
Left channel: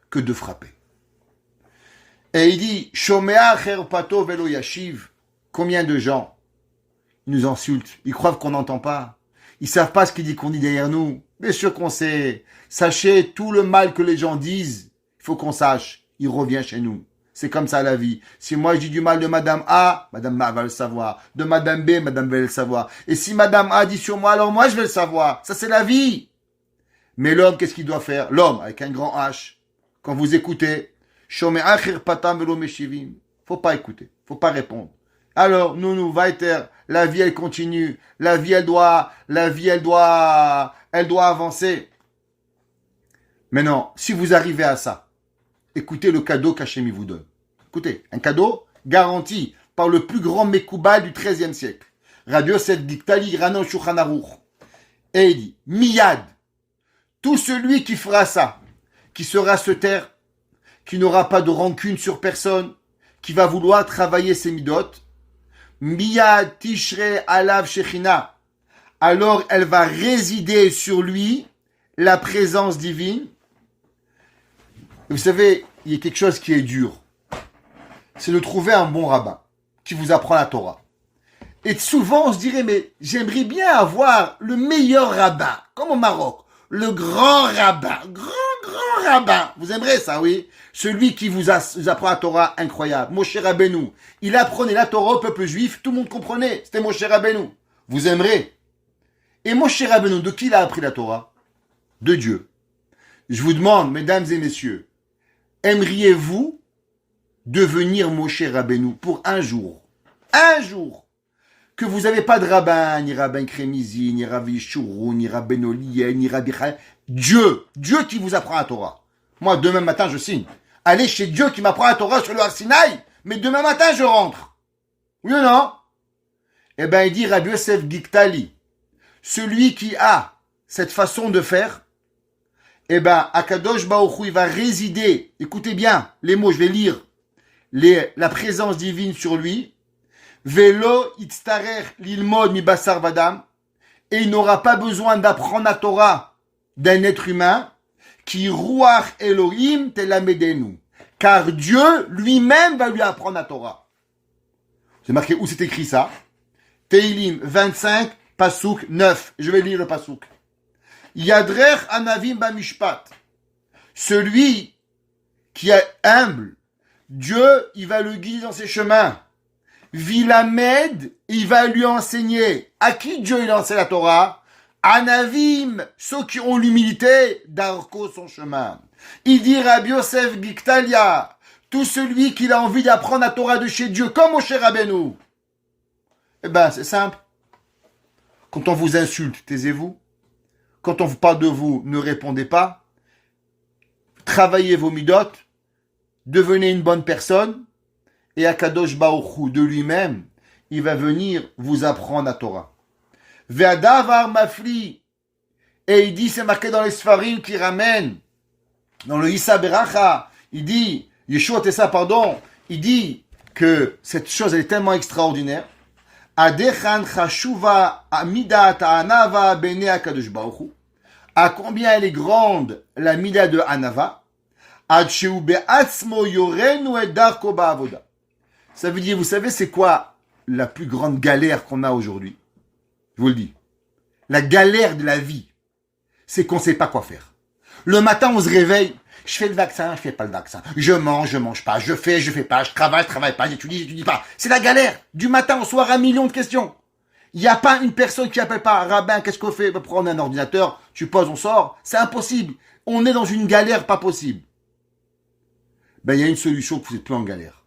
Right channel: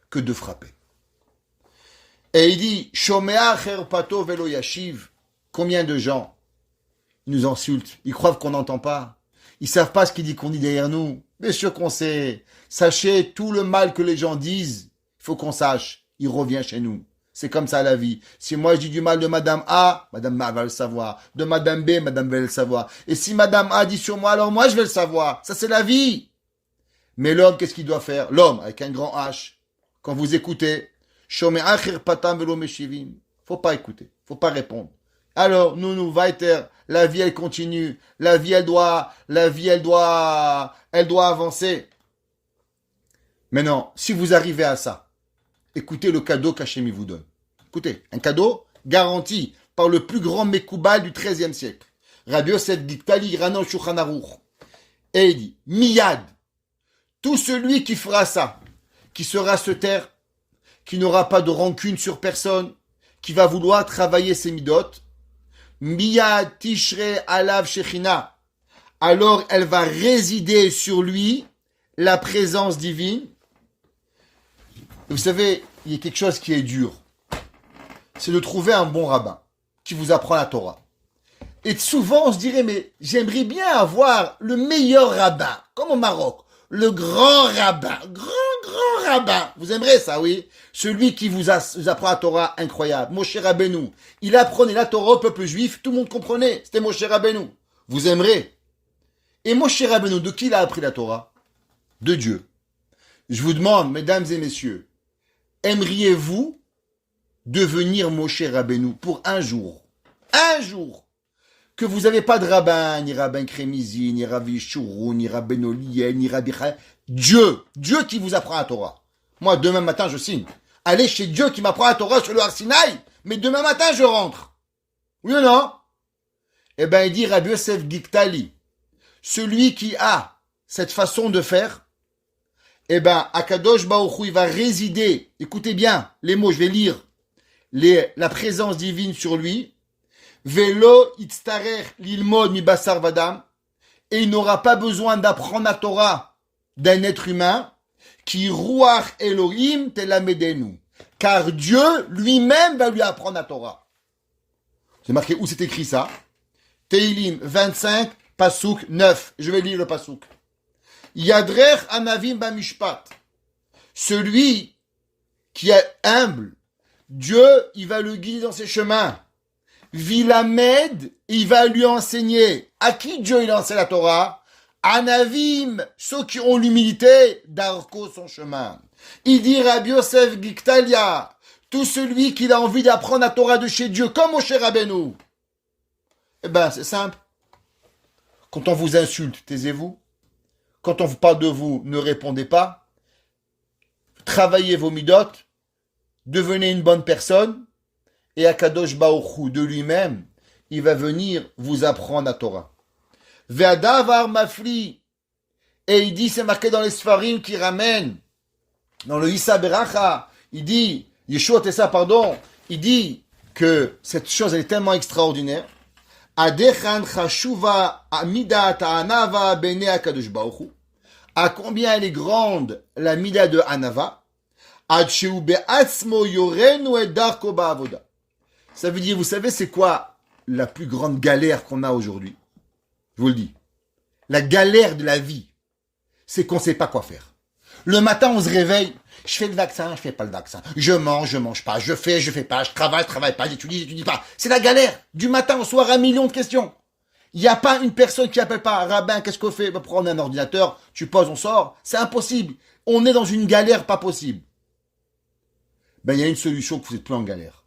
que de frapper. Et il dit, Shomea cherpato velo yashiv. Combien de gens nous insultent? Ils croient qu'on n'entend pas. Ils savent pas ce qu'on dit derrière nous. Bien sûr qu'on sait. Sachez, tout le mal que les gens disent, il faut qu'on sache. Il revient chez nous. C'est comme ça la vie. Si moi je dis du mal de Madame A, Madame A va le savoir. De Madame B, Madame B va le savoir. Et si Madame A dit sur moi, alors moi je vais le savoir. Ça c'est la vie. Mais l'homme, qu'est-ce qu'il doit faire? L'homme, avec un grand H, quand vous écoutez, faut pas écouter. Faut pas répondre. Alors, nous, weiter, la vie elle continue. La vie elle doit avancer. Maintenant, si vous arrivez à ça, écoutez le cadeau qu'Hachem vous donne. Écoutez, un cadeau garanti par le plus grand Mekoubal du XIIIe siècle. Rabbi Yosef Giktali Ranon Shulchan Aruch. Et il dit, Miyad, tout celui qui fera ça, qui sera se taire, qui n'aura pas de rancune sur personne, qui va vouloir travailler ses midot, Miyad Tishre Alav Shechina, alors elle va résider sur lui la présence divine. Vous savez, il y a quelque chose qui est dur. C'est de trouver un bon rabbin qui vous apprend la Torah. Et souvent, on se dirait, mais j'aimerais bien avoir le meilleur rabbin, comme au Maroc. Le grand rabbin, grand rabbin. Vous aimerez ça, oui? Celui qui vous apprend la Torah incroyable. Moshe Rabbeinu. Il apprenait la Torah au peuple juif, tout le monde comprenait. C'était Moshe Rabbeinu. Vous aimerez. Et Moshe Rabbeinu, de qui il a appris la Torah? De Dieu. Je vous demande, mesdames et messieurs, aimeriez-vous devenir Moshe Rabbeinu pour un jour? Un jour! Que vous n'avez pas de rabbin, ni rabbin Crémizi, ni Rabbi Chourou, ni Rabbi Oliel, ni Rabbi Chal. Dieu qui vous apprend la Torah. Moi, demain matin, je signe. Allez chez Dieu qui m'apprend la Torah sur le Har Sinaï, mais demain matin, je rentre. Oui ou non? Eh bien, il dit Rabbi Yosef Giktali, celui qui a cette façon de faire, eh bien, Akadosh Baruch Hu, il va résider, écoutez bien les mots, je vais lire, la présence divine sur lui, Velo itztarer lilmod mi basar vadam, et il n'aura pas besoin d'apprendre la Torah d'un être humain, qui ruach Elohim telamedenu, car Dieu lui-même va lui apprendre la Torah. C'est marqué où c'est écrit ça? Teilim 25, Pasouk 9. Je vais lire le Pasouk. Yadrer Anavim Bamishpat. Celui qui est humble, Dieu, il va le guider dans ses chemins. Vilamed, il va lui enseigner. À qui Dieu il enseigne la Torah? Anavim, ceux qui ont l'humilité, d'Arko son chemin. Il dit Rabbi Yosef Giktalia, tout celui qui a envie d'apprendre la Torah de chez Dieu, comme Moshe Rabbeinu. Eh ben, c'est simple. Quand on vous insulte, taisez-vous. Quand on vous parle de vous, ne répondez pas. Travaillez vos midot. Devenez une bonne personne. Et Akadosh Baruch Hu, de lui-même, il va venir vous apprendre la Torah. Ve'adavar mafli. Et il dit, c'est marqué dans les Sfarim qui ramènent, dans le Issa Beracha, il dit, Yeshua Tessa, pardon, il dit que cette chose elle est tellement extraordinaire. Adechan chashuva amidat anava bene Akadosh Baruch Hu. À combien elle est grande la mida de Anava? Ad sheu be'atzmo yorenu et darko ba'avoda. Ça veut dire, vous savez, c'est quoi la plus grande galère qu'on a aujourd'hui? Je vous le dis. La galère de la vie, c'est qu'on ne sait pas quoi faire. Le matin, on se réveille. Je fais le vaccin, je fais pas le vaccin. Je mange pas. Je fais pas. Je travaille pas. J'étudie pas. C'est la galère. Du matin au soir, 1 million de questions. Il n'y a pas une personne qui appelle pas, rabbin, qu'est-ce qu'on fait? Prendre un ordinateur, tu poses, on sort. C'est impossible. On est dans une galère pas possible. Ben, il y a une solution que vous n'êtes plus en galère.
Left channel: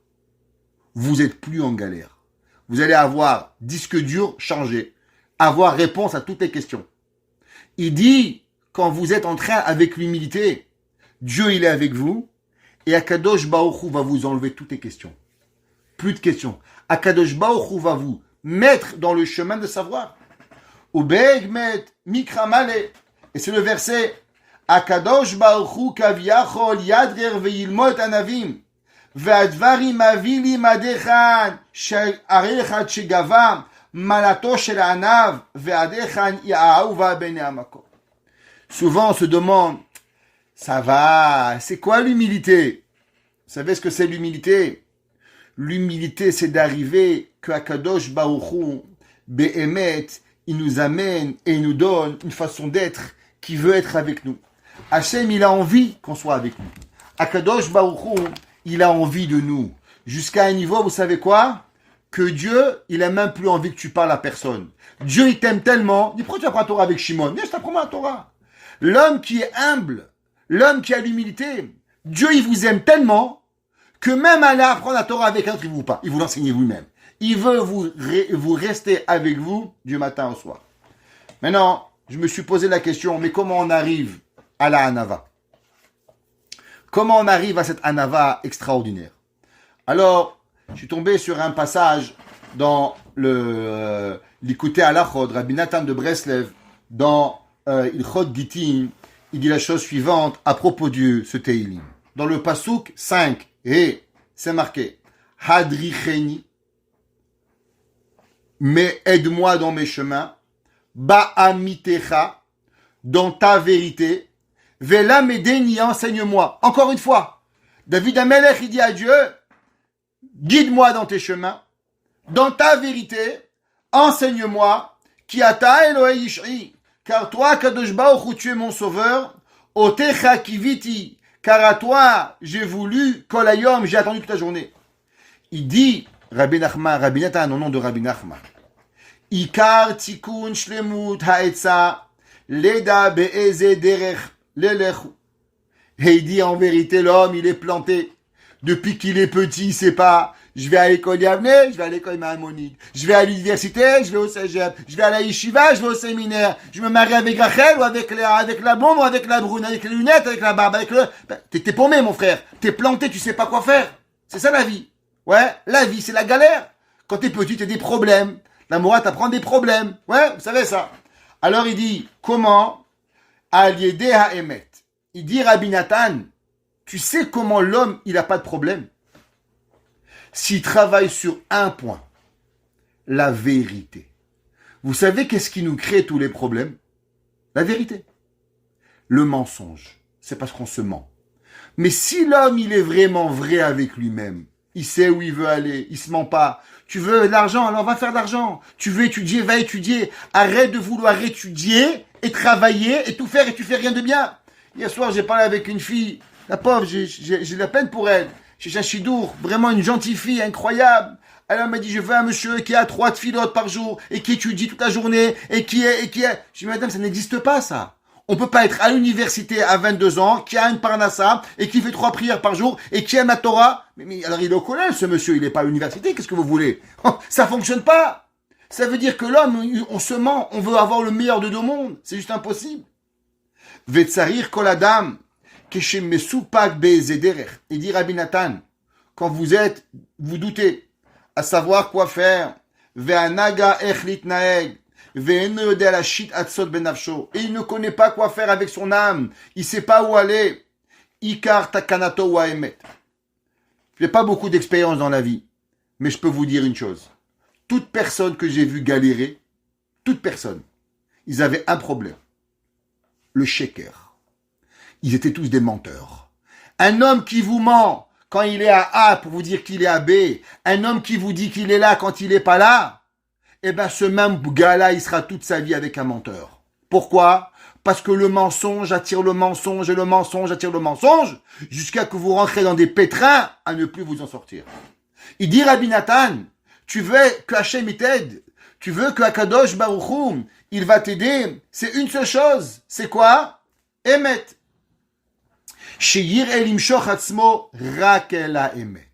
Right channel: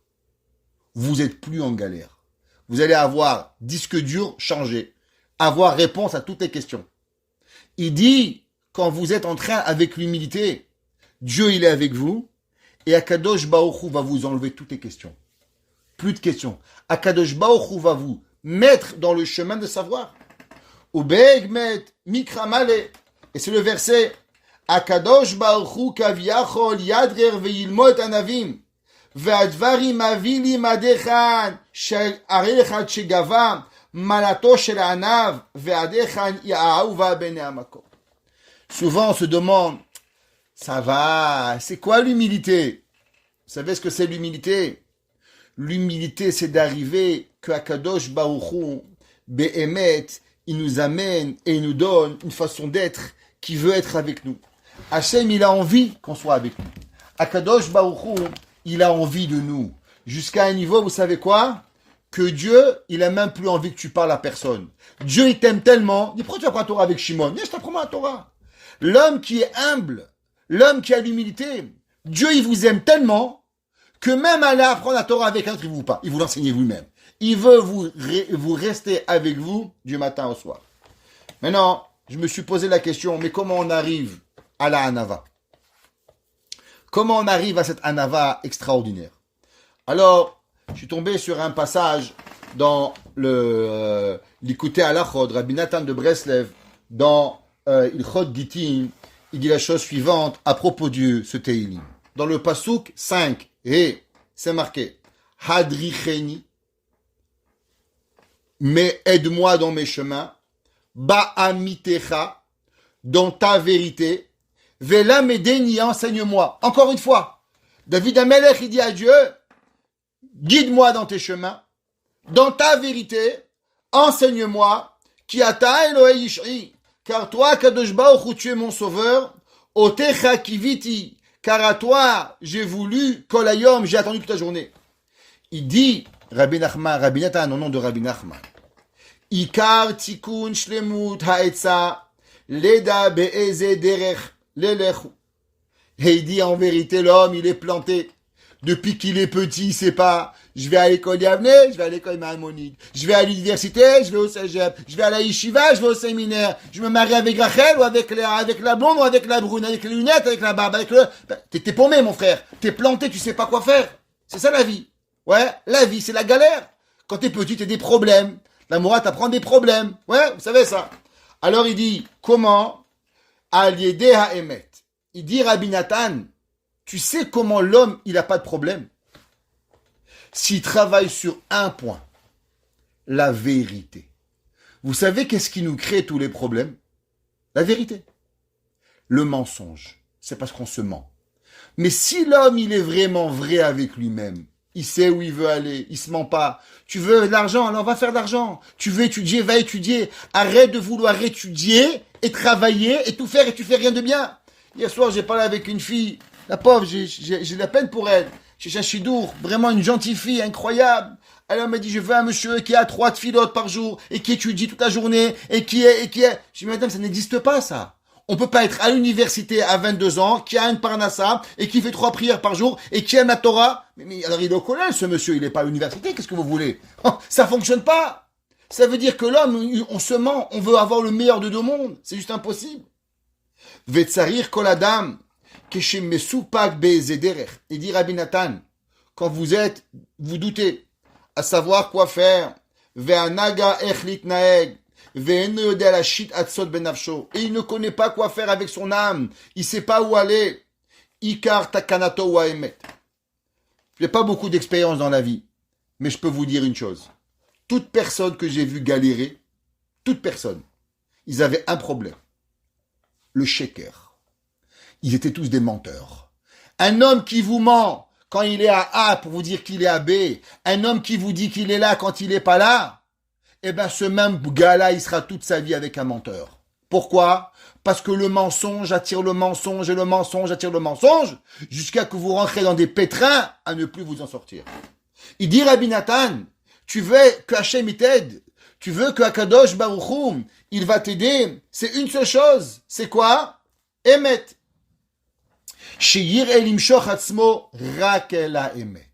Vous n'êtes plus en galère. Vous allez avoir disque dur changé, avoir réponse à toutes les questions. Il dit, quand vous êtes en train avec l'humilité, Dieu il est avec vous, et Akadosh Baruch Hu va vous enlever toutes les questions. Plus de questions. Akadosh Baruch Hu va vous mettre dans le chemin de savoir. Ubegmet mikramale. Et c'est le verset, Akadosh Baruch Hu kaviachol yadrer ve'ilmot anavim. והדברים מביא לי מדכן שעריך שגבה מלאתו של הענב והדכן יאהובה בני המקום. Souvent on se demande, ça va, c'est quoi l'humilité? Vous savez ce que c'est l'humilité? L'humilité c'est d'arriver que Akadosh Baruch Hu, Be'emet, il nous amène et il nous donne une façon d'être qui veut être avec nous. Hachem il a envie qu'on soit avec nous. Akadosh Baruch Hu, il a envie de nous. Jusqu'à un niveau, vous savez quoi? Que Dieu, il a même plus envie que tu parles à personne. Dieu, il t'aime tellement. Il dit, pourquoi tu apprends la Torah avec Shimon? Je t'apprends la Torah. L'homme qui est humble, l'homme qui a l'humilité, Dieu, il vous aime tellement que même aller apprendre la Torah avec un autre, il ne vous pas. Il vous l'enseigne vous-même. Il veut vous rester avec vous du matin au soir. Maintenant, je me suis posé la question, mais comment on arrive à la Hanava? Comment on arrive à cette Hanava extraordinaire? Alors, je suis tombé sur un passage dans l'Ikouté Halachot, Rabbi Nathan de Breslev, dans Ilchot Gittin, il dit la chose suivante à propos de ce Teilim. Dans le Pasouk 5, et c'est marqué, Hadricheni, mais aide-moi dans mes chemins, Ba'amitecha, dans ta vérité, Vela Medeni, enseigne-moi. Encore une fois, David Amelech, il dit à Dieu, guide-moi dans tes chemins, dans ta vérité, enseigne-moi, qui ata Elohei Yishri, car toi, Kadosh Baruch Hu, tu es mon sauveur, Otecha Kiviti, car à toi, j'ai voulu, Kol Hayom, j'ai attendu toute la journée. Il dit, Rabbi Nathan, au nom de Rabbi Nachman, Ikar Tikun Shlemut Haetza, Leda Be'eze Derech, Lelechu. Et il dit en vérité, l'homme, il est planté. Depuis qu'il est petit, il sait pas. Je vais à l'école Yavne, je vais à l'école Maïmonide. Je vais à l'université, je vais au cégep. Je vais à la yeshiva, je vais au séminaire. Je me marie avec Rachel ou avec la blonde ou avec la brune, avec les lunettes, avec la barbe, avec le... T'es paumé, mon frère. T'es planté, tu sais pas quoi faire. C'est ça la vie. Ouais, la vie, c'est la galère. Quand t'es petit, t'as des problèmes. La Moura t'apprend des problèmes. Ouais, vous savez ça. Alors il dit, comment? Aliédé Haemet. Il dit Rabbi Nathan, tu sais comment l'homme, il n'a pas de problème? S'il travaille sur un point, la vérité. Vous savez qu'est-ce qui nous crée tous les problèmes? La vérité. Le mensonge. C'est parce qu'on se ment. Mais si l'homme, il est vraiment vrai avec lui-même, il sait où il veut aller, il se ment pas. Tu veux de l'argent, alors va faire de l'argent. Tu veux étudier, va étudier. Arrête de vouloir étudier et travailler et tout faire et tu fais rien de bien. Hier soir, j'ai parlé avec une fille, la pauvre, j'ai de la peine pour elle. Chez Chachidour, vraiment une gentille fille, incroyable. Elle m'a dit, je veux un monsieur qui a 3 filotes par jour et qui étudie toute la journée et qui est. Je dis, madame, ça n'existe pas, ça. On peut pas être à l'université à 22 ans, qui a une parnassa et qui fait 3 prières par jour et qui aime la Torah. Mais alors il est au collège, ce monsieur, il n'est pas à l'université, qu'est-ce que vous voulez? Ça fonctionne pas. Ça veut dire que l'homme, on se ment, on veut avoir le meilleur de 2 mondes. C'est juste impossible. Vetsarir koladam, keshem mesupak be'ezederech. Il dit Rabbi Nathan, quand vous doutez, à savoir quoi faire, ve'anaga echlit naeg, et il ne connaît pas quoi faire avec son âme. Il ne sait pas où aller. Ikar takanato wa emet. Je n'ai pas beaucoup d'expérience dans la vie, mais je peux vous dire une chose. Toute personne que j'ai vue galérer, toute personne, ils avaient un problème. Le sheker. Ils étaient tous des menteurs. Un homme qui vous ment quand il est à A pour vous dire qu'il est à B, un homme qui vous dit qu'il est là quand il n'est pas là, eh bien, ce même gars-là, il sera toute sa vie avec un menteur. Pourquoi? Parce que le mensonge attire le mensonge et le mensonge attire le mensonge jusqu'à que vous rentrez dans des pétrins à ne plus vous en sortir. Il dit Rabbi Nathan, tu veux que Hachem t'aide, tu veux que Akadosh Baruch Hu, il va t'aider, c'est une seule chose. C'est quoi? Emet. Sheyir elim shoch atzmo rak ela emet.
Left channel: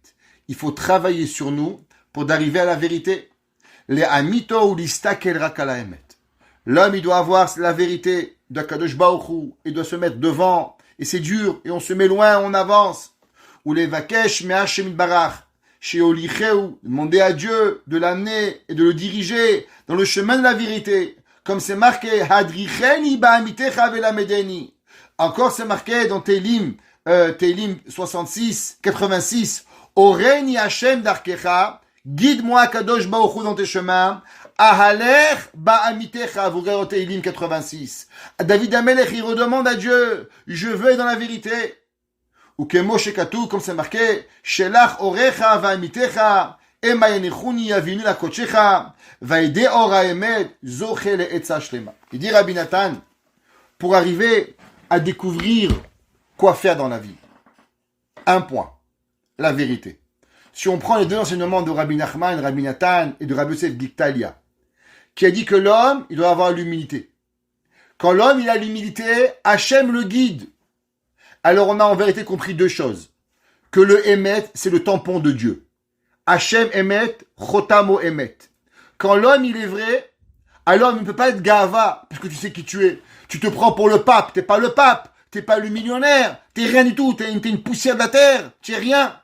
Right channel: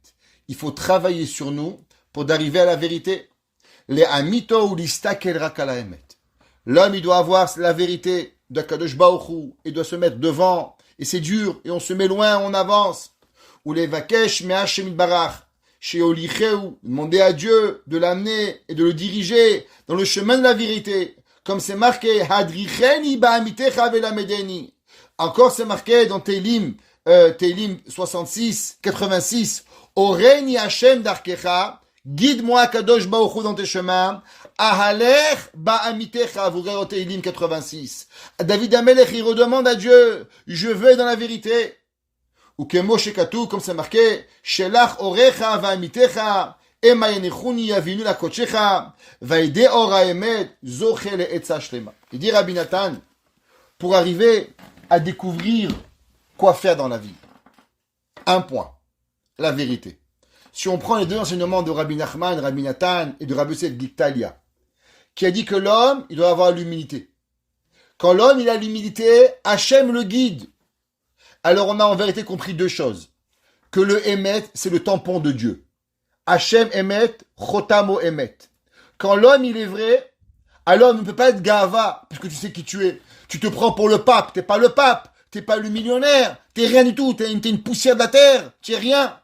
Il faut travailler sur nous pour d'arriver à la vérité. Les amito ou l'istakel rakala emet. L'homme, il doit avoir la vérité d'Akadosh Baruch Hu et doit se mettre devant. Et c'est dur, et on se met loin, on avance. Ou les vakesh me Hashem barach. Chez Olicheu, demander à Dieu de l'amener et de le diriger dans le chemin de la vérité. Comme c'est marqué, Hadricheni ba'amitecha velamedeni. Encore c'est marqué dans Télim 66, 86. Oreni Hashem darkecha. Guide-moi, Kadosh Baruch Hu, dans tes chemins. Ahaler ba'amitecha, vous verrez au Télim 86. David Amelech, il redemande à Dieu, je veux être dans la vérité. Ou que Moshe Katou, comme c'est marqué, Shelach orecha va'amitecha, ema yenichuni yavinu la kochecha, va'ide ora emet, zoche le'etza shlema. Il dit Rabbi Nathan, pour arriver à découvrir quoi faire dans la vie. Un point, la vérité. Si on prend les 2 enseignements de Rabbi Nachman, Rabbi Nathan et de Rabbi Yosef Giktalia, qui a dit que l'homme, il doit avoir l'humilité. Quand l'homme, il a l'humilité, Hachem le guide. Alors on a en vérité compris 2 choses. Que le Emet, c'est le tampon de Dieu. Hachem Emet, Chotamo Emet. Quand l'homme, il est vrai, alors il ne peut pas être Gava, puisque tu sais qui tu es. Tu te prends pour le pape, t'es pas le pape, t'es pas le millionnaire, t'es rien du tout, t'es une poussière de la terre, tu es rien.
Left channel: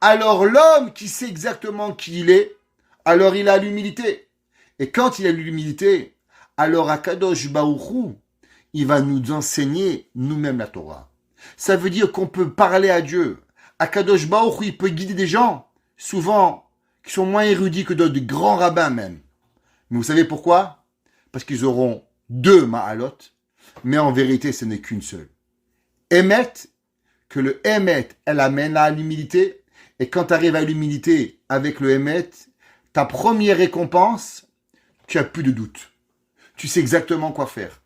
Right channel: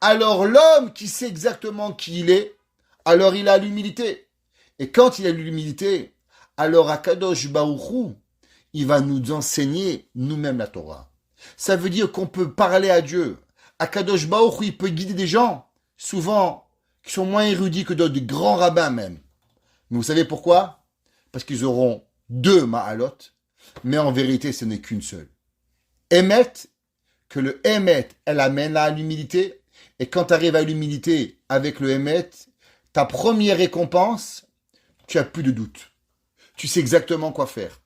Alors l'homme qui sait exactement qui il est, alors il a l'humilité. Et quand il a l'humilité, alors Akadosh Baruch Hu, il va nous enseigner nous-mêmes la Torah. Ça veut dire qu'on peut parler à Dieu. Akadosh Baruch Hu, il peut guider des gens, souvent, qui sont moins érudits que d'autres, de grands rabbins même. Mais vous savez pourquoi? Parce qu'ils auront 2 ma'alot, mais en vérité, ce n'est qu'une seule. Emet, que le Emet, elle amène à l'humilité. Et quand tu arrives à l'humilité avec le Emet, ta première récompense, tu as plus de doute. Tu sais exactement quoi faire.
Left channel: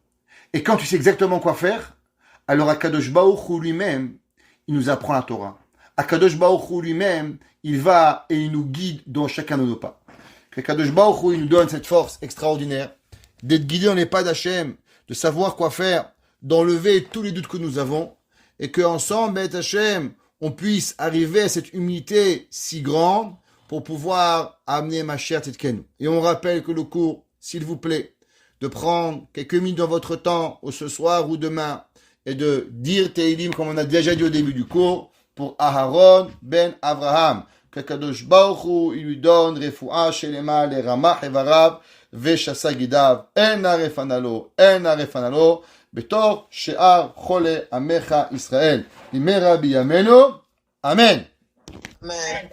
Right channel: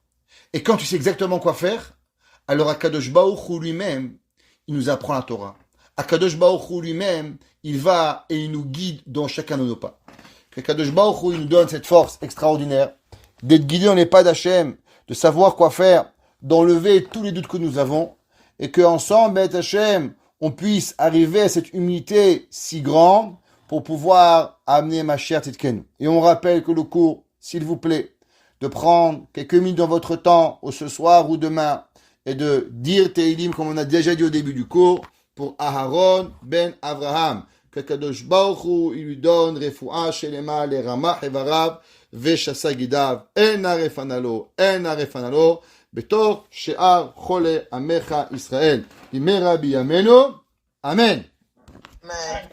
Et quand tu sais exactement quoi faire, alors Akadosh Baruch Hu lui-même, il nous apprend la Torah. Akadosh Baruch Hu lui-même, il va et il nous guide dans chacun de nos pas. Akadosh Baruch Hu, il nous donne cette force extraordinaire d'être guidé dans les pas d'Hachem, de savoir quoi faire, d'enlever tous les doutes que nous avons, et qu'ensemble, avec Hachem, on puisse arriver à cette humilité si grande pour pouvoir amener ma chère Tzidkenu. Et on rappelle que le cours, s'il vous plaît, de prendre quelques minutes dans votre temps, ou ce soir ou demain, et de dire Teilim, comme on a déjà dit au début du cours, pour Aharon ben Avraham. Que Kadosh Baruch Hu, il lui donne Refuah Shelema le Ramah Evarav Veshasa Gidav En Arefanalo בתור שאר חולי עמך ישראל. במהרה בימינו, אמן. Amen.